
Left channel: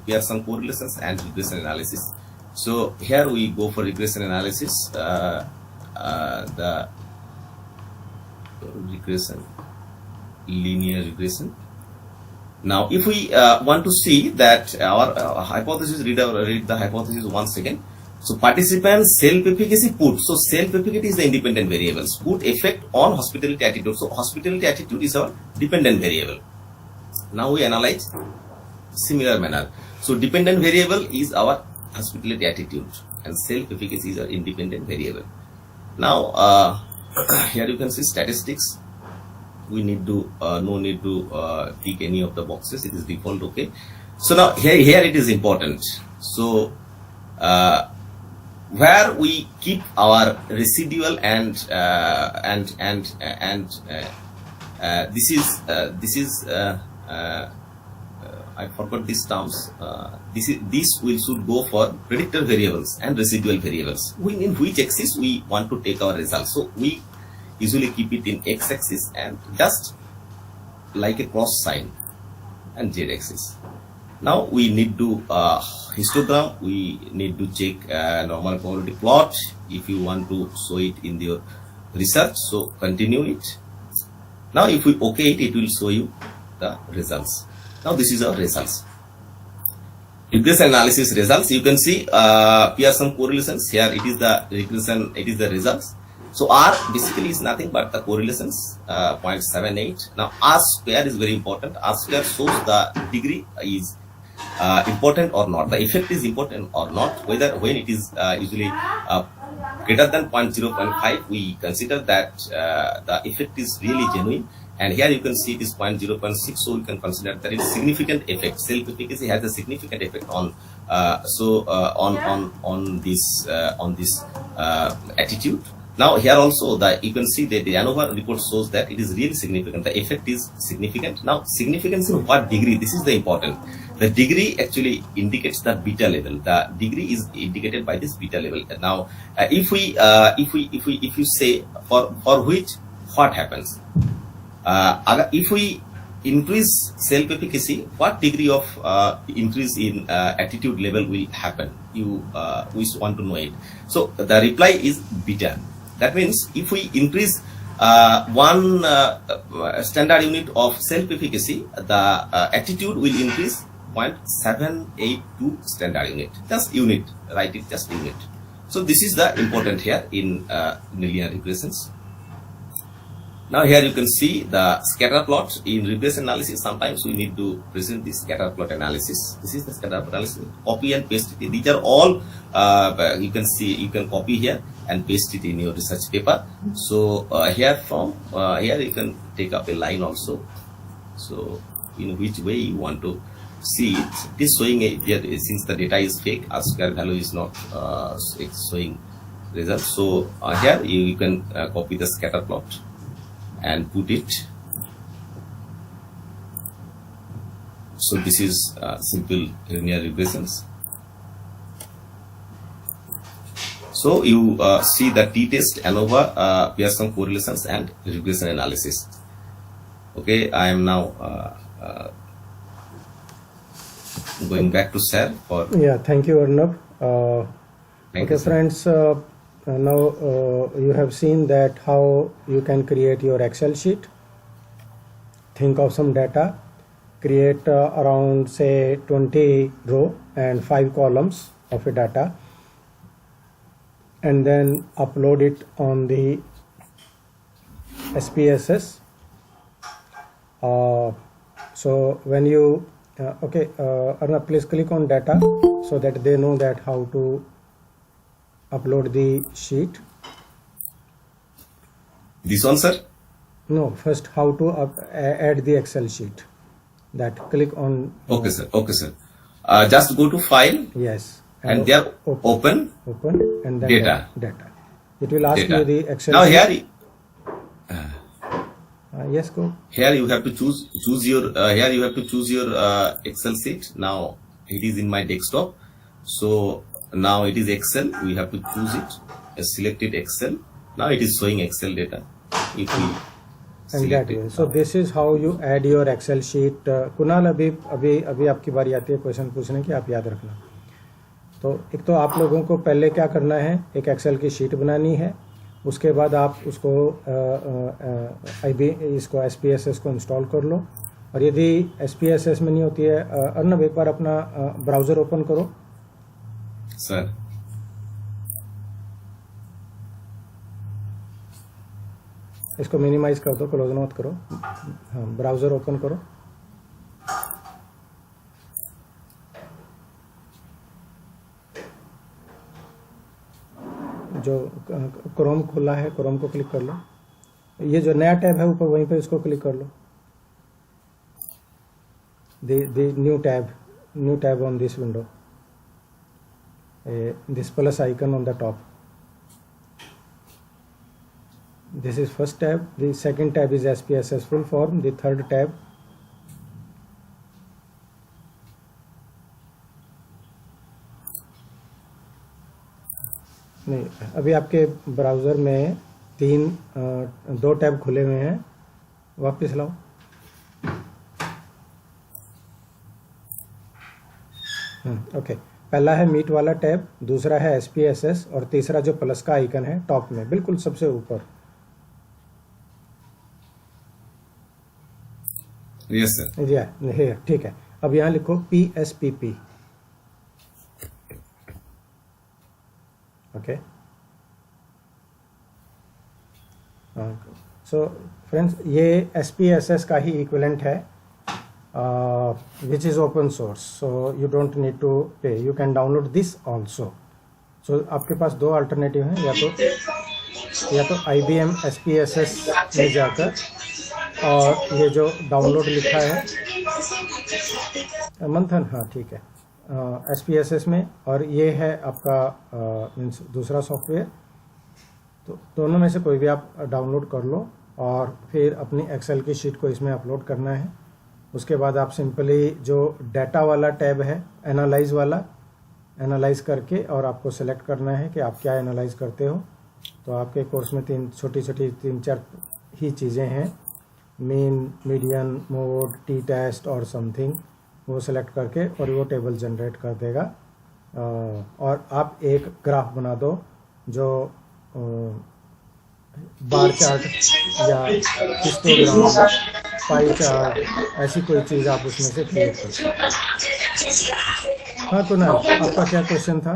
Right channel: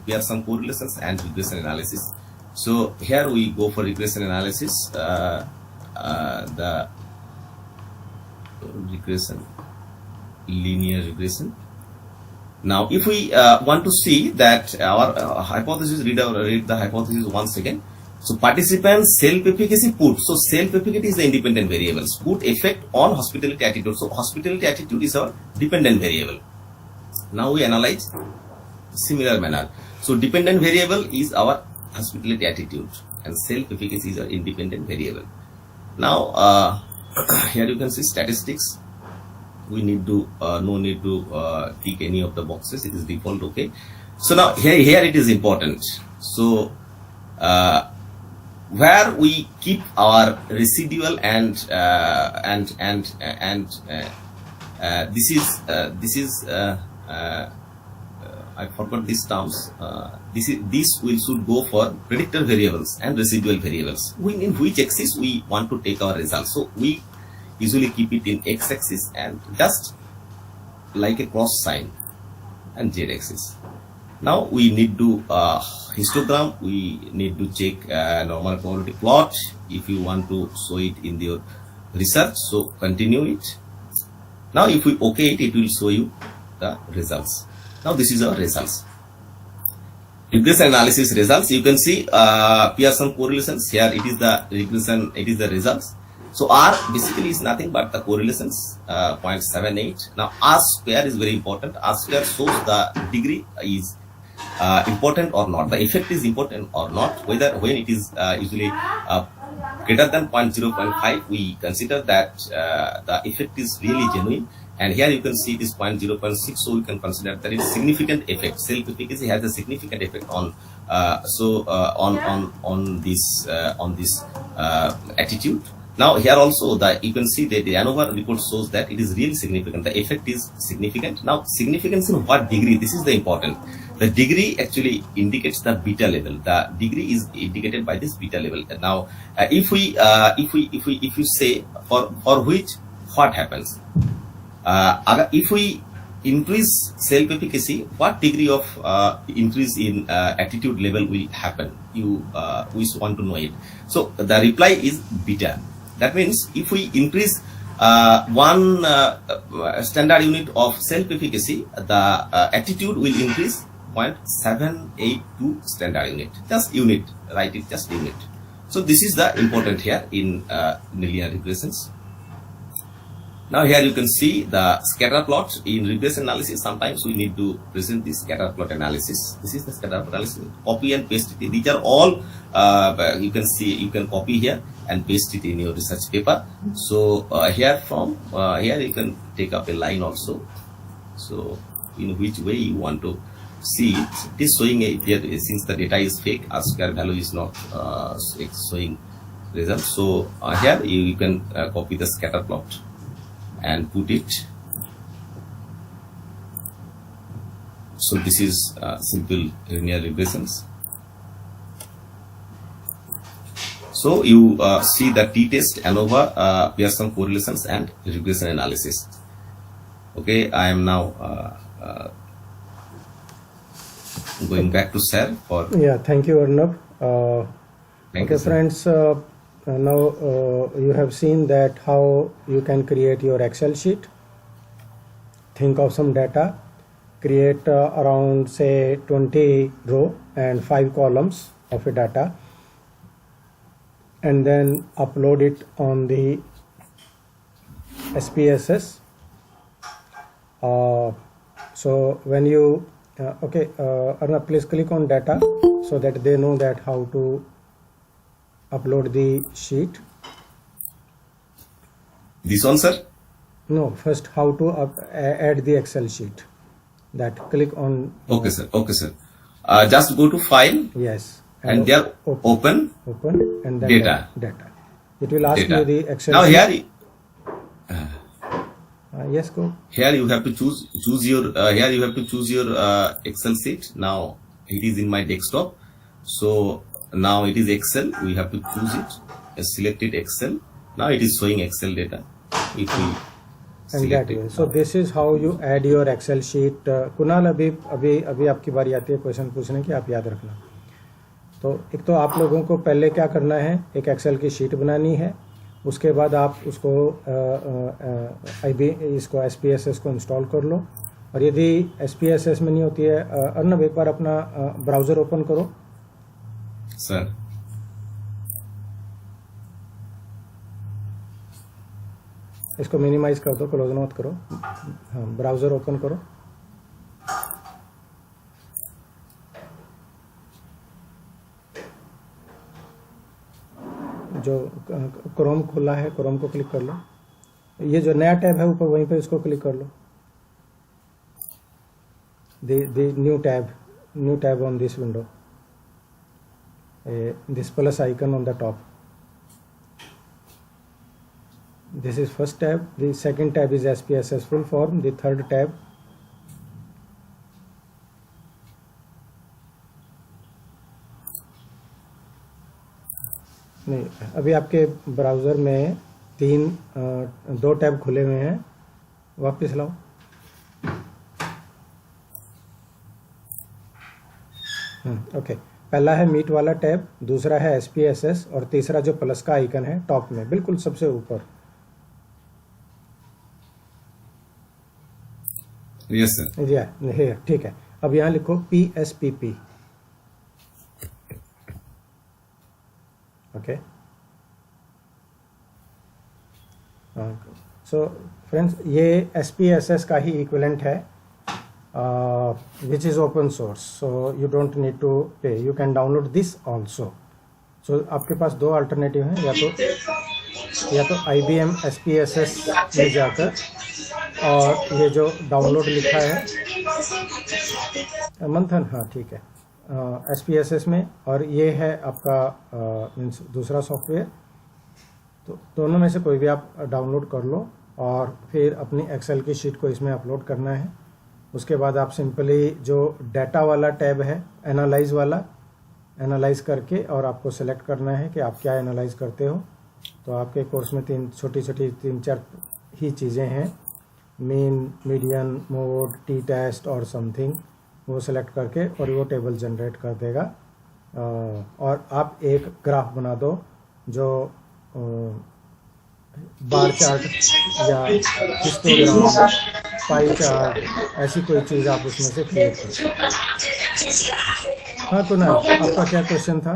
Pearson correlations and regression analysis. So here we go for regression analysis. The regression, linear regression. Now if we want to see that our hypothesis, read the hypothesis once again. So participants self-efficacy put. So self-efficacy is the independent variables. Put effect on hospitality attitude. So hospitality attitude is our dependent variable. Now we analyze similar manner. So dependent variable is our hospitality attitude, and self-efficacy is our independent variable. Now here you can see statistics. We need to no need to tick any of the boxes. It is default. Okay. So now here it is important. So where we keep our residual and this is I forgot these terms. This should go for predictor variables and residual variables. In which axis we want to take our results. So we usually keep it in x-axis and just like a cross sign, and z-axis. Now we need to histogram. We need to check normal probability plot if you want to show it in your research. So continue it. Now if we OK it, it will show you the results. Now this is our results. Regression analysis results. You can see Pearson correlations. Here it is the regression. It is the results. So R basically is nothing but the correlations 0.78. Now R square is very important. R square shows the degree is important or not. The effect is important or not. Whether when it is usually greater than 0.5, we consider that the effect is really genuine. And here you can see it is 0.06, so you can consider that it is significant effect. Self-efficacy has a significant effect on On this attitude. Now here also you can see that the ANOVA report shows that it is really significant. The effect is significant. Now significance in what degree? This is the important. The degree actually indicates the beta level. The degree is indicated by this beta level. Now if you say for which what happens, if we increase self-efficacy, what degree of increase in attitude level will happen? We want to know it. So the reply is beta. That means if we increase one standard unit of self-efficacy, the attitude will increase 0.782 standard unit. Just unit, write it, just unit. So this is the important here in linear regressions. Now here you can see the scatter plot. In regression analysis, sometimes we need to present this scatter plot analysis. This is the scatter plot analysis. Copy and paste it. These are all you can see. You can copy here and paste it in your research paper. So here you can take up a line also. So in which way you want to see it. It is showing since the data is fake, R square value is not showing result. So here you can copy the scatter plot and put it. So this is simple linear regressions. So you see the t-test, ANOVA, Pearson correlations and regression analysis. Okay, I am now going back to Sir for. Yeah, thank you, Arnab. Thank Okay, you, sir. friends. Now you have seen that how you can create your Excel sheet. Think of some data, create around say 20 row and 5 columns of a data, and then upload it on the SPSS. So when you Arnab, please click on data so that they know that how to upload the sheet. This one, sir? No, first how to add the Excel sheet. That click on. Okay, sir. Okay, sir. Just go to file. Yes. And there open and then data. Data. It will ask Data. you the Excel Now sheet. here, Yes, go. here you have to choose your here you have to choose your Excel sheet. Now it is in my desktop. So now it is Excel. We have to choose it. Selected Excel. Now it is showing Excel data. If we And select that way. it. So this is how you add your Excel sheet. Kunal अभी आपकी बारी आती है question पूछने की, आप याद रखना. तो एक तो आप लोगों को पहले क्या करना है, एक एक्सेल की शीट बनानी है. उसके बाद आप उसको इसको SPSS को इंस्टॉल कर लो. और यदि SPSS में नहीं होती है, अर्नब एक बार अपना ब्राउज़र ओपन करो. सर इसको मिनिमाइज कर दो, क्लोज मत करो. हाँ, ब्राउज़र ओपन करो. जो क्रोम खुला है, क्रोम को क्लिक कर लो. ये जो नया टैब है ऊपर, वहीं पे इसको क्लिक कर लो. the new tab on this window, this plus icon on the top. This is first tab. The second tab is SPSS full form. The third tab नहीं, अभी आपके ब्राउज़र में दो टैब खुले हुए हैं. वापस लाओ. ओके, पहला है मीट वाला टैब, दूसरा है SPSS और तीसरा जो प्लस का आइकन है टॉप में बिल्कुल सबसे ऊपर. Yes sir. ये ठीक है. अब यहाँ लिखो PSPP. ओके. सो फ्रेंड्स, ये SPSS का ही इक्विवेलेंट है, which is open source, so you don't need to pay. You can download this also. So आपके पास दो अल्टरनेटिव हैं, या तो IBM SPSS में जाकर, और ये जो डाउनलोड लिखा है मंथन, हाँ ठीक है, SPSS में, और ये है आपका मीन्स दूसरा सॉफ्टवेयर। तो दोनों में से कोई भी आप डाउनलोड कर लो और फिर अपनी एक्सेल की शीट को इसमें अपलोड करना है। उसके बाद आप सिंपली जो डाटा वाला टैब है, एनालाइज वाला, एनालाइज करके और आपको सेलेक्ट करना है कि आप क्या एनालाइज करते हो। तो आपके कोर्स में तीन चार ही चीज़ें हैं, mean, median, mode, t test और समथिंग। वो सेलेक्ट करके और वो टेबल जनरेट कर देगा। और आप एक ग्राफ बना दो जो बार चार्ट या हिस्टोग्राम, पाई चार्ट, ऐसी कोई चीज़ आप उसमें से क्रिएट कर सकते। हाँ कुणाल, आपका क्या क्वेश्चन था?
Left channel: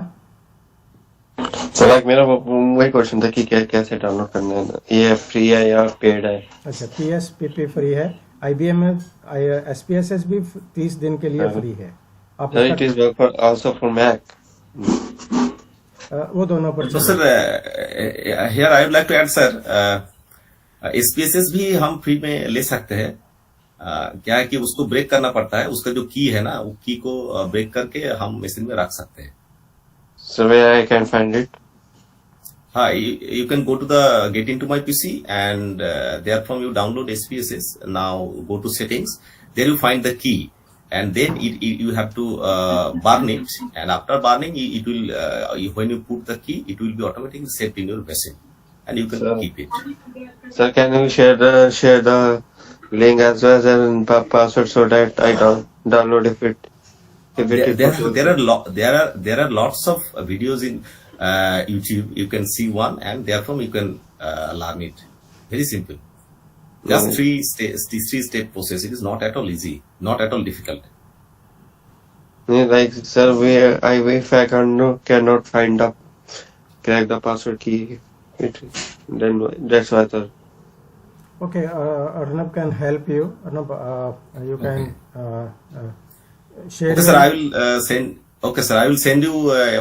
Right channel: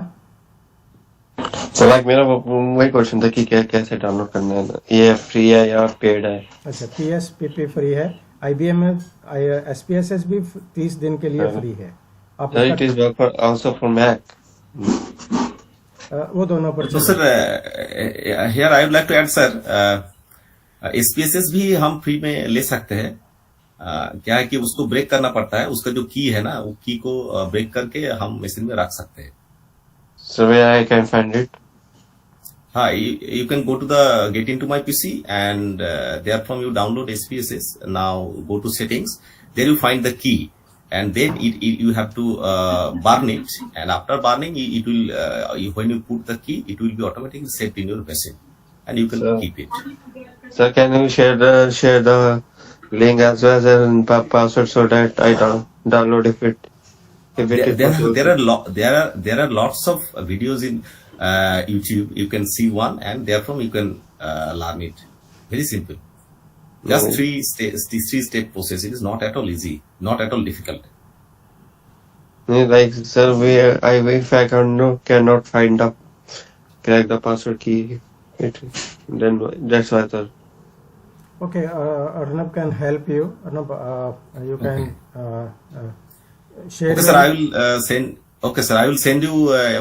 तो लाइक मेरा वही क्वेश्चन था कि कैसे डाउनलोड करना है, ये फ्री है या पेड है? अच्छा, PSPP फ्री है। IBM में SPSS भी 30 दिन के लिए फ्री है। आप So it is work for also for Mac. वो दोनों पर तो sir here I would like to add sir, SPSS भी हम फ्री में ले सकते हैं। क्या है कि उसको ब्रेक करना पड़ता है, उसका जो की है ना, वो की को ब्रेक करके हम मशीन में रख सकते हैं। So where I can find it? हाँ, you can go to the get into my PC and there from you download SPSS. Now go to settings, there you find the key, and then you have to burn it, and after burning it will when you put the key it will be automatically set in your machine and you can keep it. Sir, can you share the link as well as password so that I download if it is possible? There are lots of videos in YouTube. You can see one and therefrom you can learn it. Very simple. Just three step process. It is not at all easy, not at all difficult. Like sir, if I cannot find crack the password key, then that's why sir. Okay, Arnab can help you. Arnab, you can share. Okay, sir, I will send. Okay, sir, I will send you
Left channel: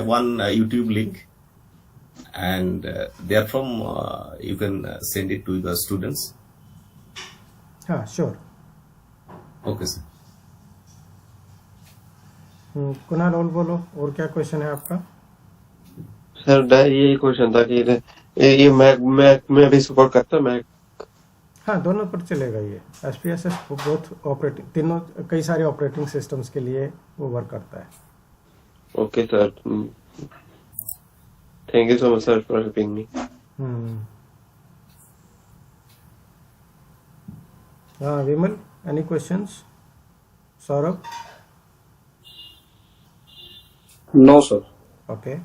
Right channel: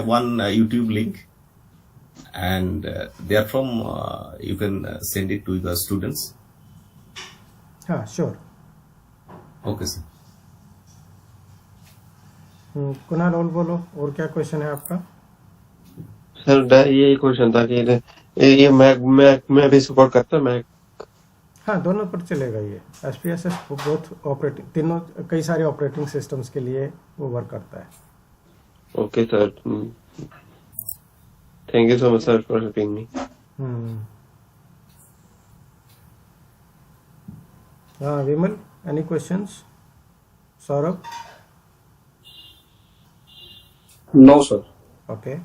one YouTube link, and therefrom you can send it to the students. हाँ, sure. Okay, sir. Kunal और बोलो, और क्या question है आपका? Sir ये question था कि ये मैक में भी सपोर्ट करता है मैक? हाँ, दोनों पर चलेगा ये। SPSS बहुत ऑपरेटिंग, तीनों कई सारे ऑपरेटिंग सिस्टम्स के लिए वो वर्क करता है। Okay sir, thank you so much sir for helping me. हाँ Vimal, any questions? Saurabh? No sir. Okay,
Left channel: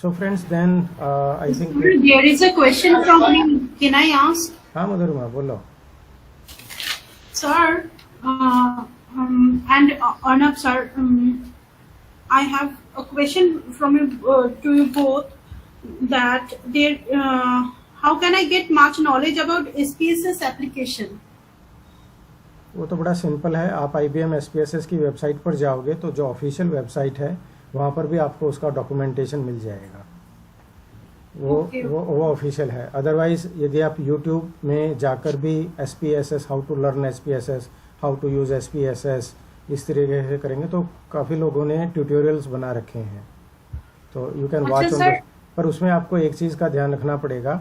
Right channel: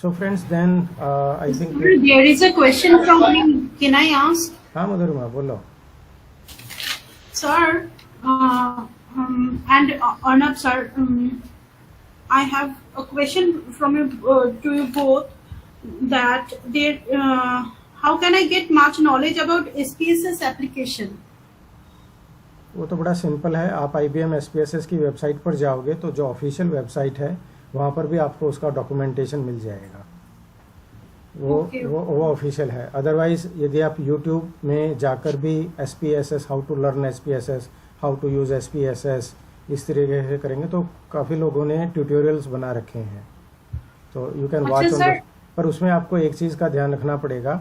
so friends, then I think there is a question from me. Can I ask? हाँ मधुरमा, बोलो। Sir, and Arnab sir, I have a question from you to you both, that there, how can I get much knowledge about SPSS application? वो तो बड़ा simple है। आप IBM SPSS की website पर जाओगे तो जो ऑफिशियल वेबसाइट है वहाँ पर भी आपको उसका डॉक्यूमेंटेशन मिल जाएगा। वो ऑफिशियल है। अदरवाइज यदि आप YouTube में जाकर भी SPSS, how to learn SPSS, how to use SPSS, इस तरीके से करेंगे तो काफ़ी लोगों ने ट्यूटोरियल्स बना रखे हैं, तो यू कैन वॉच ऑन। पर उसमें आपको एक चीज़ का ध्यान रखना पड़ेगा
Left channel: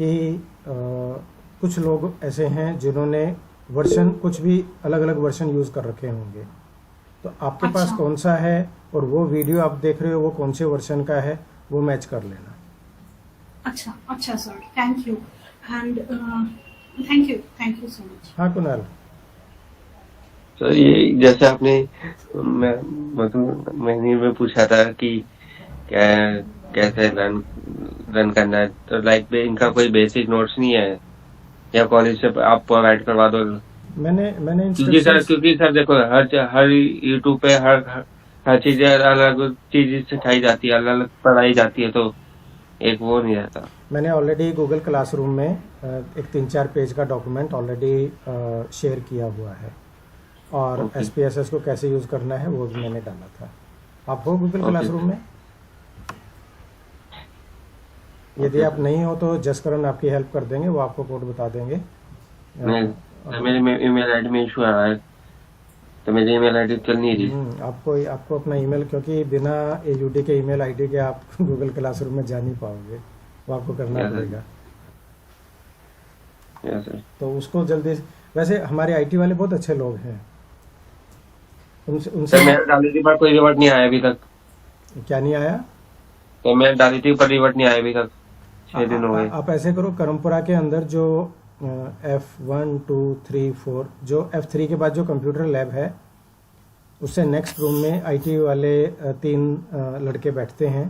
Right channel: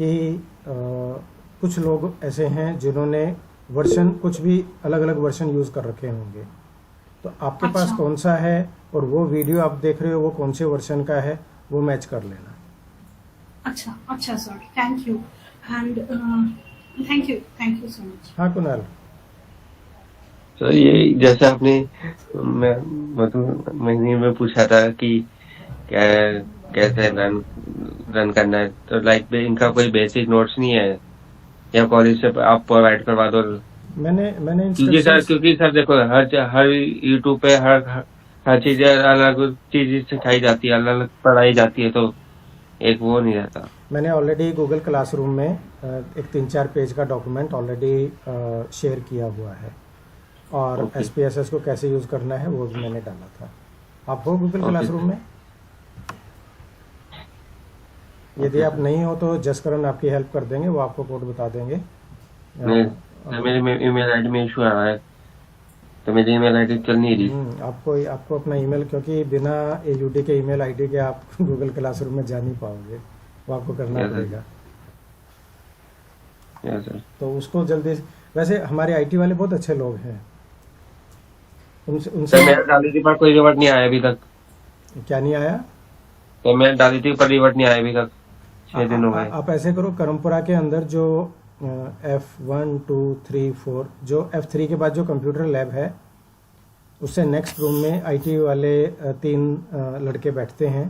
कि कुछ लोग ऐसे हैं जिन्होंने वर्जन, कुछ भी अलग अलग वर्जन यूज़ कर रखे होंगे, तो आपके पास कौन सा है और वो वीडियो आप देख रहे हो वो कौन से वर्जन का है, वो मैच कर लेना। अच्छा sir, thank you and thank you so much. हाँ कुणाल। तो ये जैसे आपने महीने में पूछा था कि कैसे रन करना है, तो लाइक इनका कोई बेसिक नोट्स नहीं है या कॉलेज से आप प्रोवाइड करवा दो? मैंने क्योंकि सर देखो हर यूट्यूब पे हर चीज अलग चीज सिखाई जाती है, अलग अलग पढ़ाई जाती है, तो एक वो नहीं रहता। मैंने ऑलरेडी गूगल क्लासरूम में एक 3-4 पेज का डॉक्यूमेंट ऑलरेडी शेयर किया हुआ है, और SPSS को कैसे यूज करना है वो भी मैंने डाला था। आप हो गूगल क्लासरूम में? यदि आप नहीं हो तो जसकरण आपकी हेल्प कर देंगे, वो आपको कोड बता देंगे। मेरे ईमेल आईडी में इशू आ रहा है, तो मेरी ईमेल आईडी चल नहीं रही। आपको अपना ईमेल, क्योंकि बिना AUD के ईमेल आईडी के आप गूगल क्लासरूम में जा नहीं पाओगे, वो आपको करना Yes, sir. पड़ेगा। Yes sir. तो उसको जल्दी, वैसे हमारे IT वाले बहुत अच्छे लोग हैं, उनसे सर उनसे मैंने डाली थी पर कोई रिवर्ट नहीं आया अभी तक। क्या नहीं आया? तो मैं डाली थी पर रिवर्ट नहीं आया अभी तक, 6 दिन हो गए। आप ऐसे करो, करमपुरा के अंदर जो F1 2 3 4 जो F3 के बाद जो कंप्यूटर लैब है, उससे नेक्स्ट रूम में IT वाले 3 लड़के बैठते हैं।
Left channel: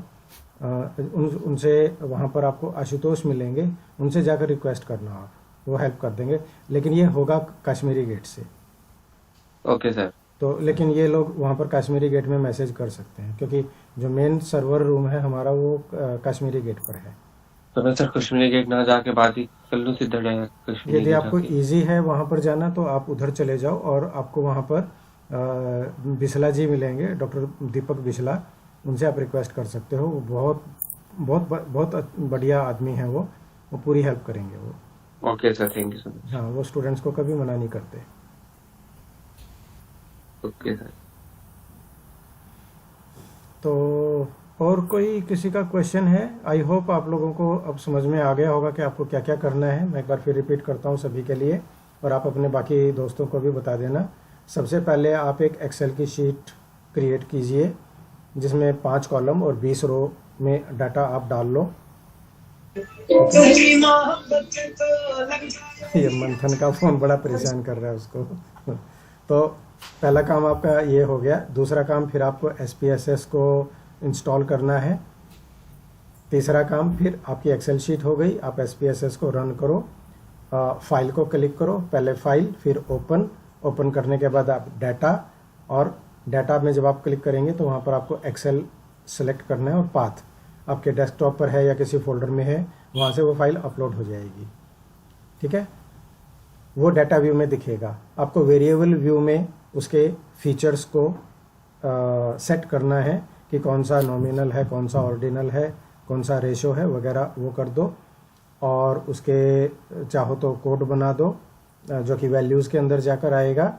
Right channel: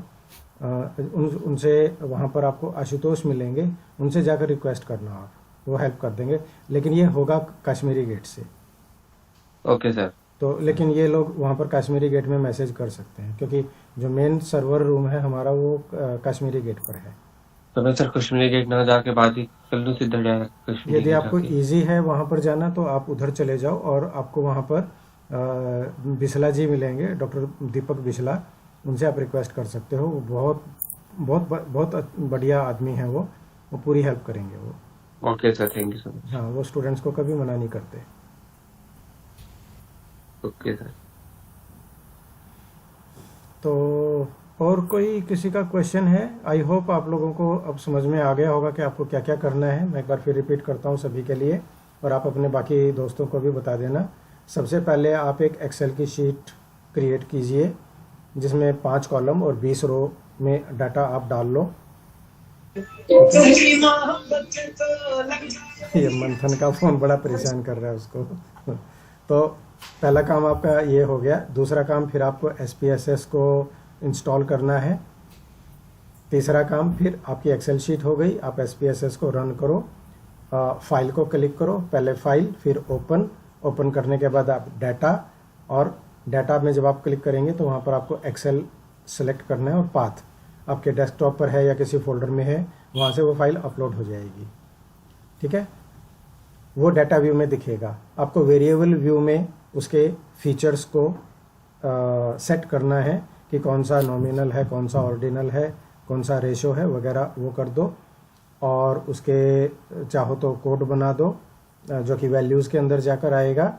उनसे वहाँ पर आपको आशुतोष मिलेंगे, उनसे जाकर रिक्वेस्ट करना, आप वो हेल्प कर देंगे। लेकिन ये होगा कश्मीरी गेट से। Okay sir. तो लेकिन ये लोग वहाँ पर कश्मीरी गेट में मैसेज कर सकते हैं, क्योंकि जो मेन सर्वर रूम है हमारा वो कश्मीरी गेट पर है। तो मैं सर कश्मीरी गेट ना जाके बात ही कर लूँ सीधा डायरेक्ट कश्मीरी यदि गेट आपको जाके? इजी है वहाँ पर जाना तो आप उधर चले जाओ, और आपको वहाँ पर बिस्ला जी मिलेंगे, डॉक्टर दीपक बिस्ला, उनसे आप रिक्वेस्ट कर सकते हो। वो बहुत बहुत बहुत बढ़िया आदमी हैं, वो पूरी हेल्प करेंगे वो। Okay sir, thank you sir. हाँ, वो स्टूडेंट्स को कभी मना नहीं करते। Okay sir. तो और कोई किसी का क्वेश्चन है? आई होप आप लोगों को अब समझ में आ गया होगा कि आपको क्या क्या करना है। मैं एक बार फिर रिपीट करता हूँ सभी के लिए, और आप अपने बाकी दोस्तों को भी बता देना। सबसे पहले आप एक एक्सेल की शीट क्रिएट कीजिए जिसमें 5 कॉलम और 20 रो में डाटा आप डाल लो। ये मंथन का फोन बड़ा परेशान कर रहा है उसको। तो पहला काम आपका ये हो गया। दूसरा काम फिर आपको SPSS को इंस्टॉल करना है। तीसरा काम फिर आपकी एक्सेल शीट हो गई, आप SPSS को रन करो। फाइल को क्लिक करो, पहले फाइल फिर ओपन करने के बाद आप डाटा, और डाटा में जब आप क्लिक करेंगे तो वहाँ पर आपको एक्सेल सेलेक्ट करना है, और पाथ आपके डेस्कटॉप पर है या किसी फोल्डर में है, वहाँ से वो फाइल अपलोड हो जाएगी। ठीक है, वो डाटा व्यू में दिखेगा। आपको वेरिएबल व्यू में उसके फीचर्स को सेट करना है कि कौन सा नॉमिनल है, कौन सा ऑर्डिनल है, कौन सा रेशो है वगैरह, वो कर दो। और उसके चाहो तो कोड बना दो जो कि वैल्यूज़ के अंदर जाकर आएगा।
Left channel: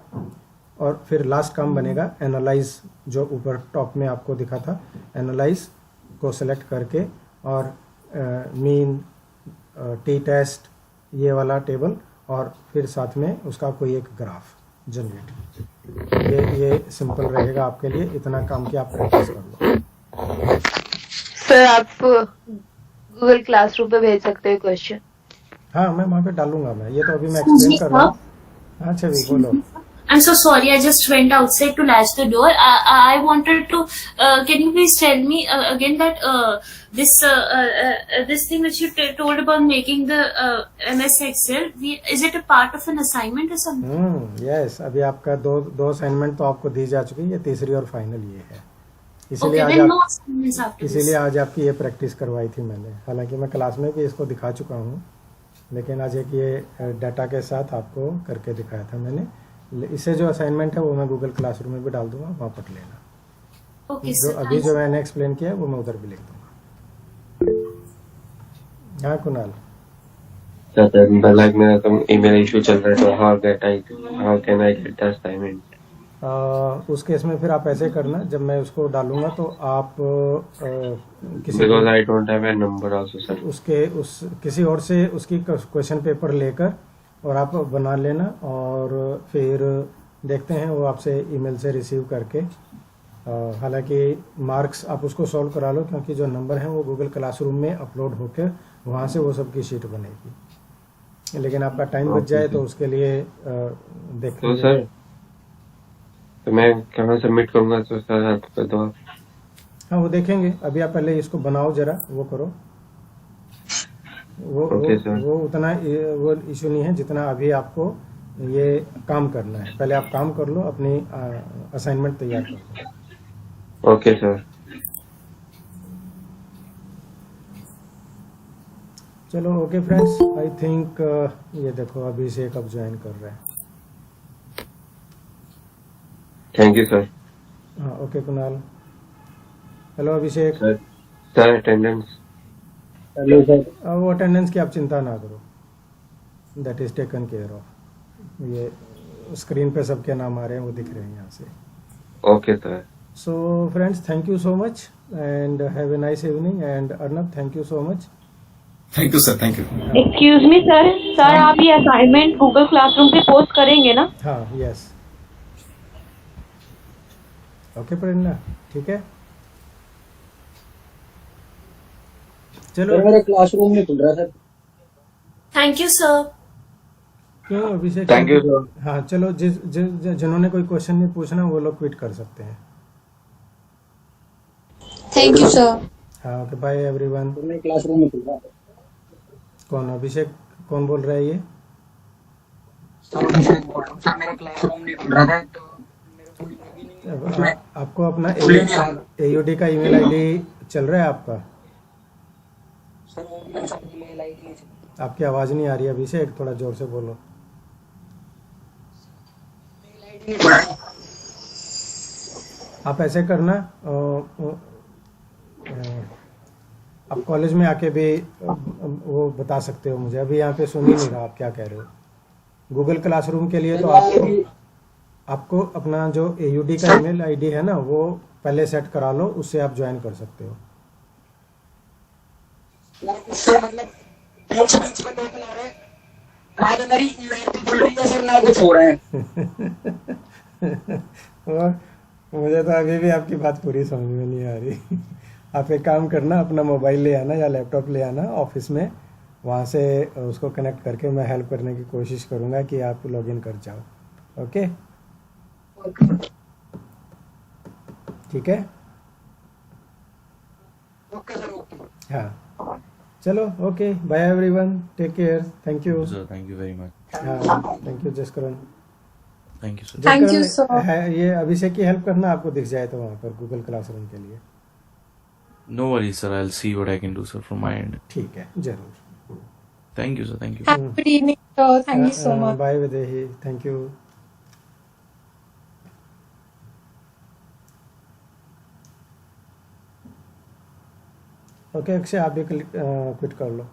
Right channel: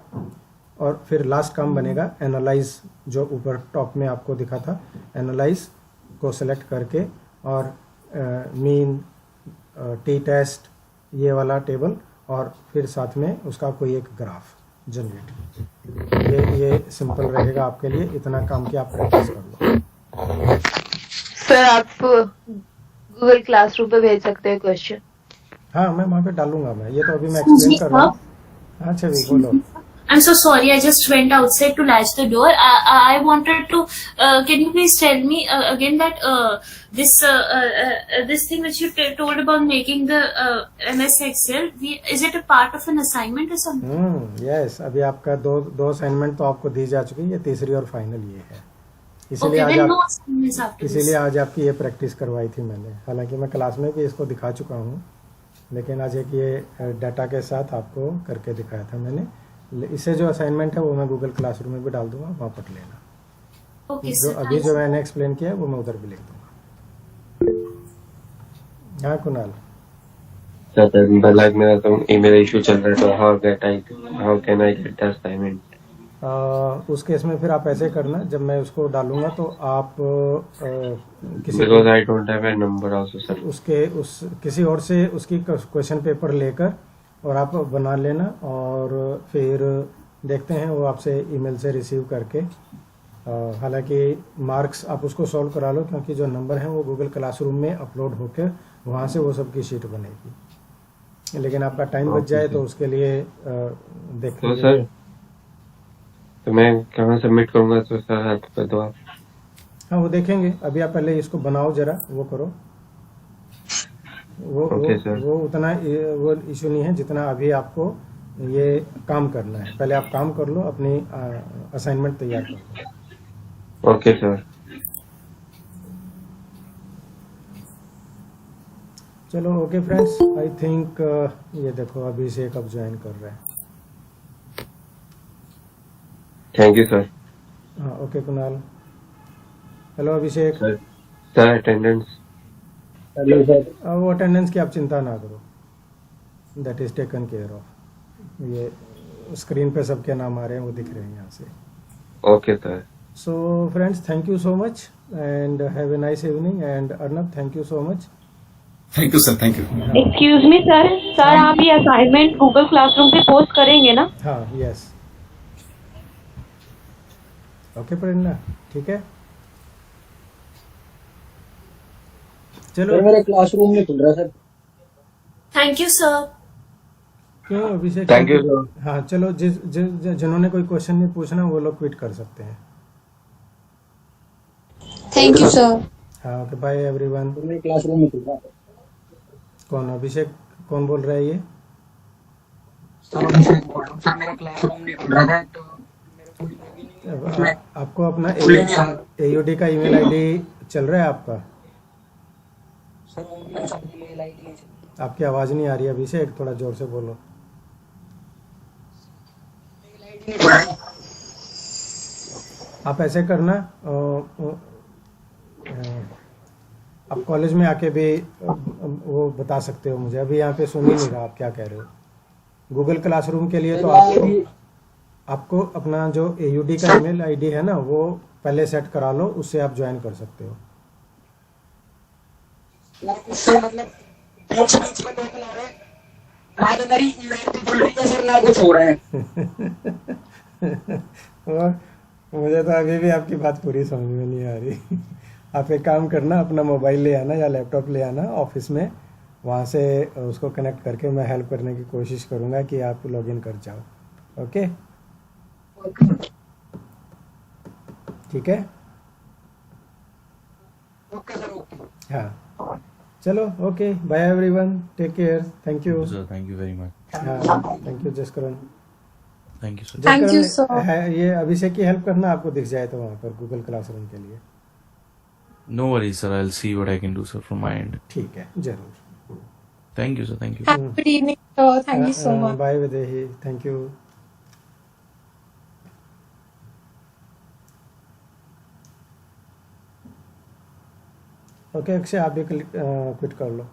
और फिर लास्ट काम बनेगा एनालाइज, जो ऊपर टॉप में आपको दिखा था, एनालाइज को सेलेक्ट करके, और मीन, टी टेस्ट, ये वाला टेबल, और फिर साथ में उसका कोई एक ग्राफ जनरेट। ये सिंपल रहेगा आपके लिए। इतना काम की आप प्रैक्टिस कर लो। सर आप गूगल क्लासरूम पे भेज सकते हो क्वेश्चन? हाँ, मैं वहाँ पे डालूंगा। मैं ये तो अभी मैं एक्सप्लेन कर रहा हूँ। हाँ छवि, बोलो। I'm so sorry. I just went outside to latch the door. I wanted to. Can you please tell me again that this thing which you told about making the MS Excel? Is it a part of an assignment or something? Yes, अभी आपका दो assignment तो आपको दी जा चुकी है, ये तीसरी और फाइनल ये है। इसीलिए Okay, आज then no आप assignments after this. इसीलिए आज आपकी ये प्रैक्टिस करवाई थी मैंने। हालांकि मैं क्लास में भी इसको दिखा चुका हूँ, लेकिन आज एक ये डाटा के साथ आपको करके दिखाया था मैंने। इससे जो असाइनमेंट है वो मैं गूगल क्लासरूम में भी डाल दूंगा, वहाँ पढ़ लेना। Okay, जो sir. अभी जो मैंने एक्सप्लेन किया है वो मैं उधर भी लिख दूंगा। हाँ कुणाल। सर लाइक मेरा तो ईमेल इशू चल रहा है, तो how can I get the assignment? उस केस में फिर आप ऐसे करना, जब मैं उसको डालूंगा तो आप किसी because I don't have a number also sir. किसी और से उसकी क्वेश्चन पेपर लेकर और आप बना लेना, और फिर देखते हैं वो आपसे ईमेल से रिसीव करके। हालांकि मार्क्स आप उसको सॉल्व करा लो, क्योंकि जो नंबर हैं वो गूगल क्लासरूम में अपलोड होकर वहाँ से वो सबकी शीट बनेगी। लेकिन आपका टाइम बच जाए तो उसके लिए देख तो लीजिए। सर, तो मैं कहाँ सबमिट करूँगा? तो सर हेल्प कर दो आप। हाँ, वो देखेंगे। अभी आप पहले इसको बनाओ, जरा वो करो। वो उतना वो इशू नहीं है जितना अभी आपको ये काम करना है। पहले आप काम कर लो, अपनी असाइनमेंट तैयार कर लो। Okay sir. चलो ओके फ्रेंड्स, आई थिंक ये देखो अभिषेक अब ज्वाइन कर रहे हैं। Thank you sir. हाँ okay Kunal. Hello Abhishek. Sir attendance. Hello sir. वो अटेंडेंस की आप चिंता ना करो, that is taken care of. ये स्क्रीन पे सबके नाम आ रहे हैं, वो दिख रहे हैं यहाँ से। Okay sir. So friends, thank you so much and have a nice evening. And Arnab, thank you so much. Thank you sir, thank you. Excuse me sir, sir आप ये असाइनमेंट गूगल क्लासरूम पे पोस्ट करेंगे ना? हाँ, yes, okay प्रेरणा, ठीक है, चलो। Sir मेरा क्लासरूम नहीं खुल रहा सर। Thank you, sir. क्यों अभिषेक? Thank you, sir. हाँ चलो, जिन्होंने कोई क्वेश्चन नहीं पूछना वो लोग क्विट कर सकते हैं। Thank you, sir. हाँ, ओके, बाय एवरीवन। सर मेरा क्लासरूम नहीं खुल रहा। कौन अभिषेक, कौन बोल रहा है ये? सर अभिषेक बोल रहा हूँ। सर मेरा क्लासरूम नहीं खुल रहा था तो आपको अपना खुले नहीं आ AUD का ईमेल आईडी चल रहा है आपका? सर वो मेल आईडी नहीं चल आपकी आवाज़ नहीं आ रही है अभिषेक, थोड़ा जोर से बोलो। रहा। आप ऐसे करना, आप कॉलेज में आके भी वो बता सकते हो मुझे, अभी यहाँ पे सुन ही नहीं रहा आप क्या कह रहे हो। गूगल क्लासरूम के लिए तो आपको अपना जो AUD का ईमेल आईडी है ना, वो पहले सेट करा लो, उससे आप ज्वाइन कर सकते हो। सर मतलब बीच बीच में देख ला रहे ना तो मेरी ईमेल भी खुल रही है सर ना कुछ हो रहा है। और मुझे तो अभी भी आपकी बात पूरी समझ में नहीं आ रही। आप एक काम करना, अपना मोबाइल ले आना या लैपटॉप ले आना ऑफिस में, वहाँ से उसको कनेक्ट करके मैं हेल्प करने की कोशिश करूँगा कि आप लॉगिन कर जाओ। ओके, ठीक है, ओके सर, ओके। हाँ चलो, okay, bye everyone, take care, thank you. Sir, thank you very much. हाँ, thank you Jaskaran. Thank you, sir. Thank you, Jaskaran, sir. है ये अभिषेक की हेल्प करना, आपको दिख जाए तो वहाँ पर गूगल क्लासरूम के लिए। No worries, sir. I'll see what I can do, sir, from my end. ठीक है, जरूर। Thank you, sir. Thank you. Have a good evening, sir. Thank you so much. Bye Videhi, thank you. Okay Akshay, आप भी quit कर लो।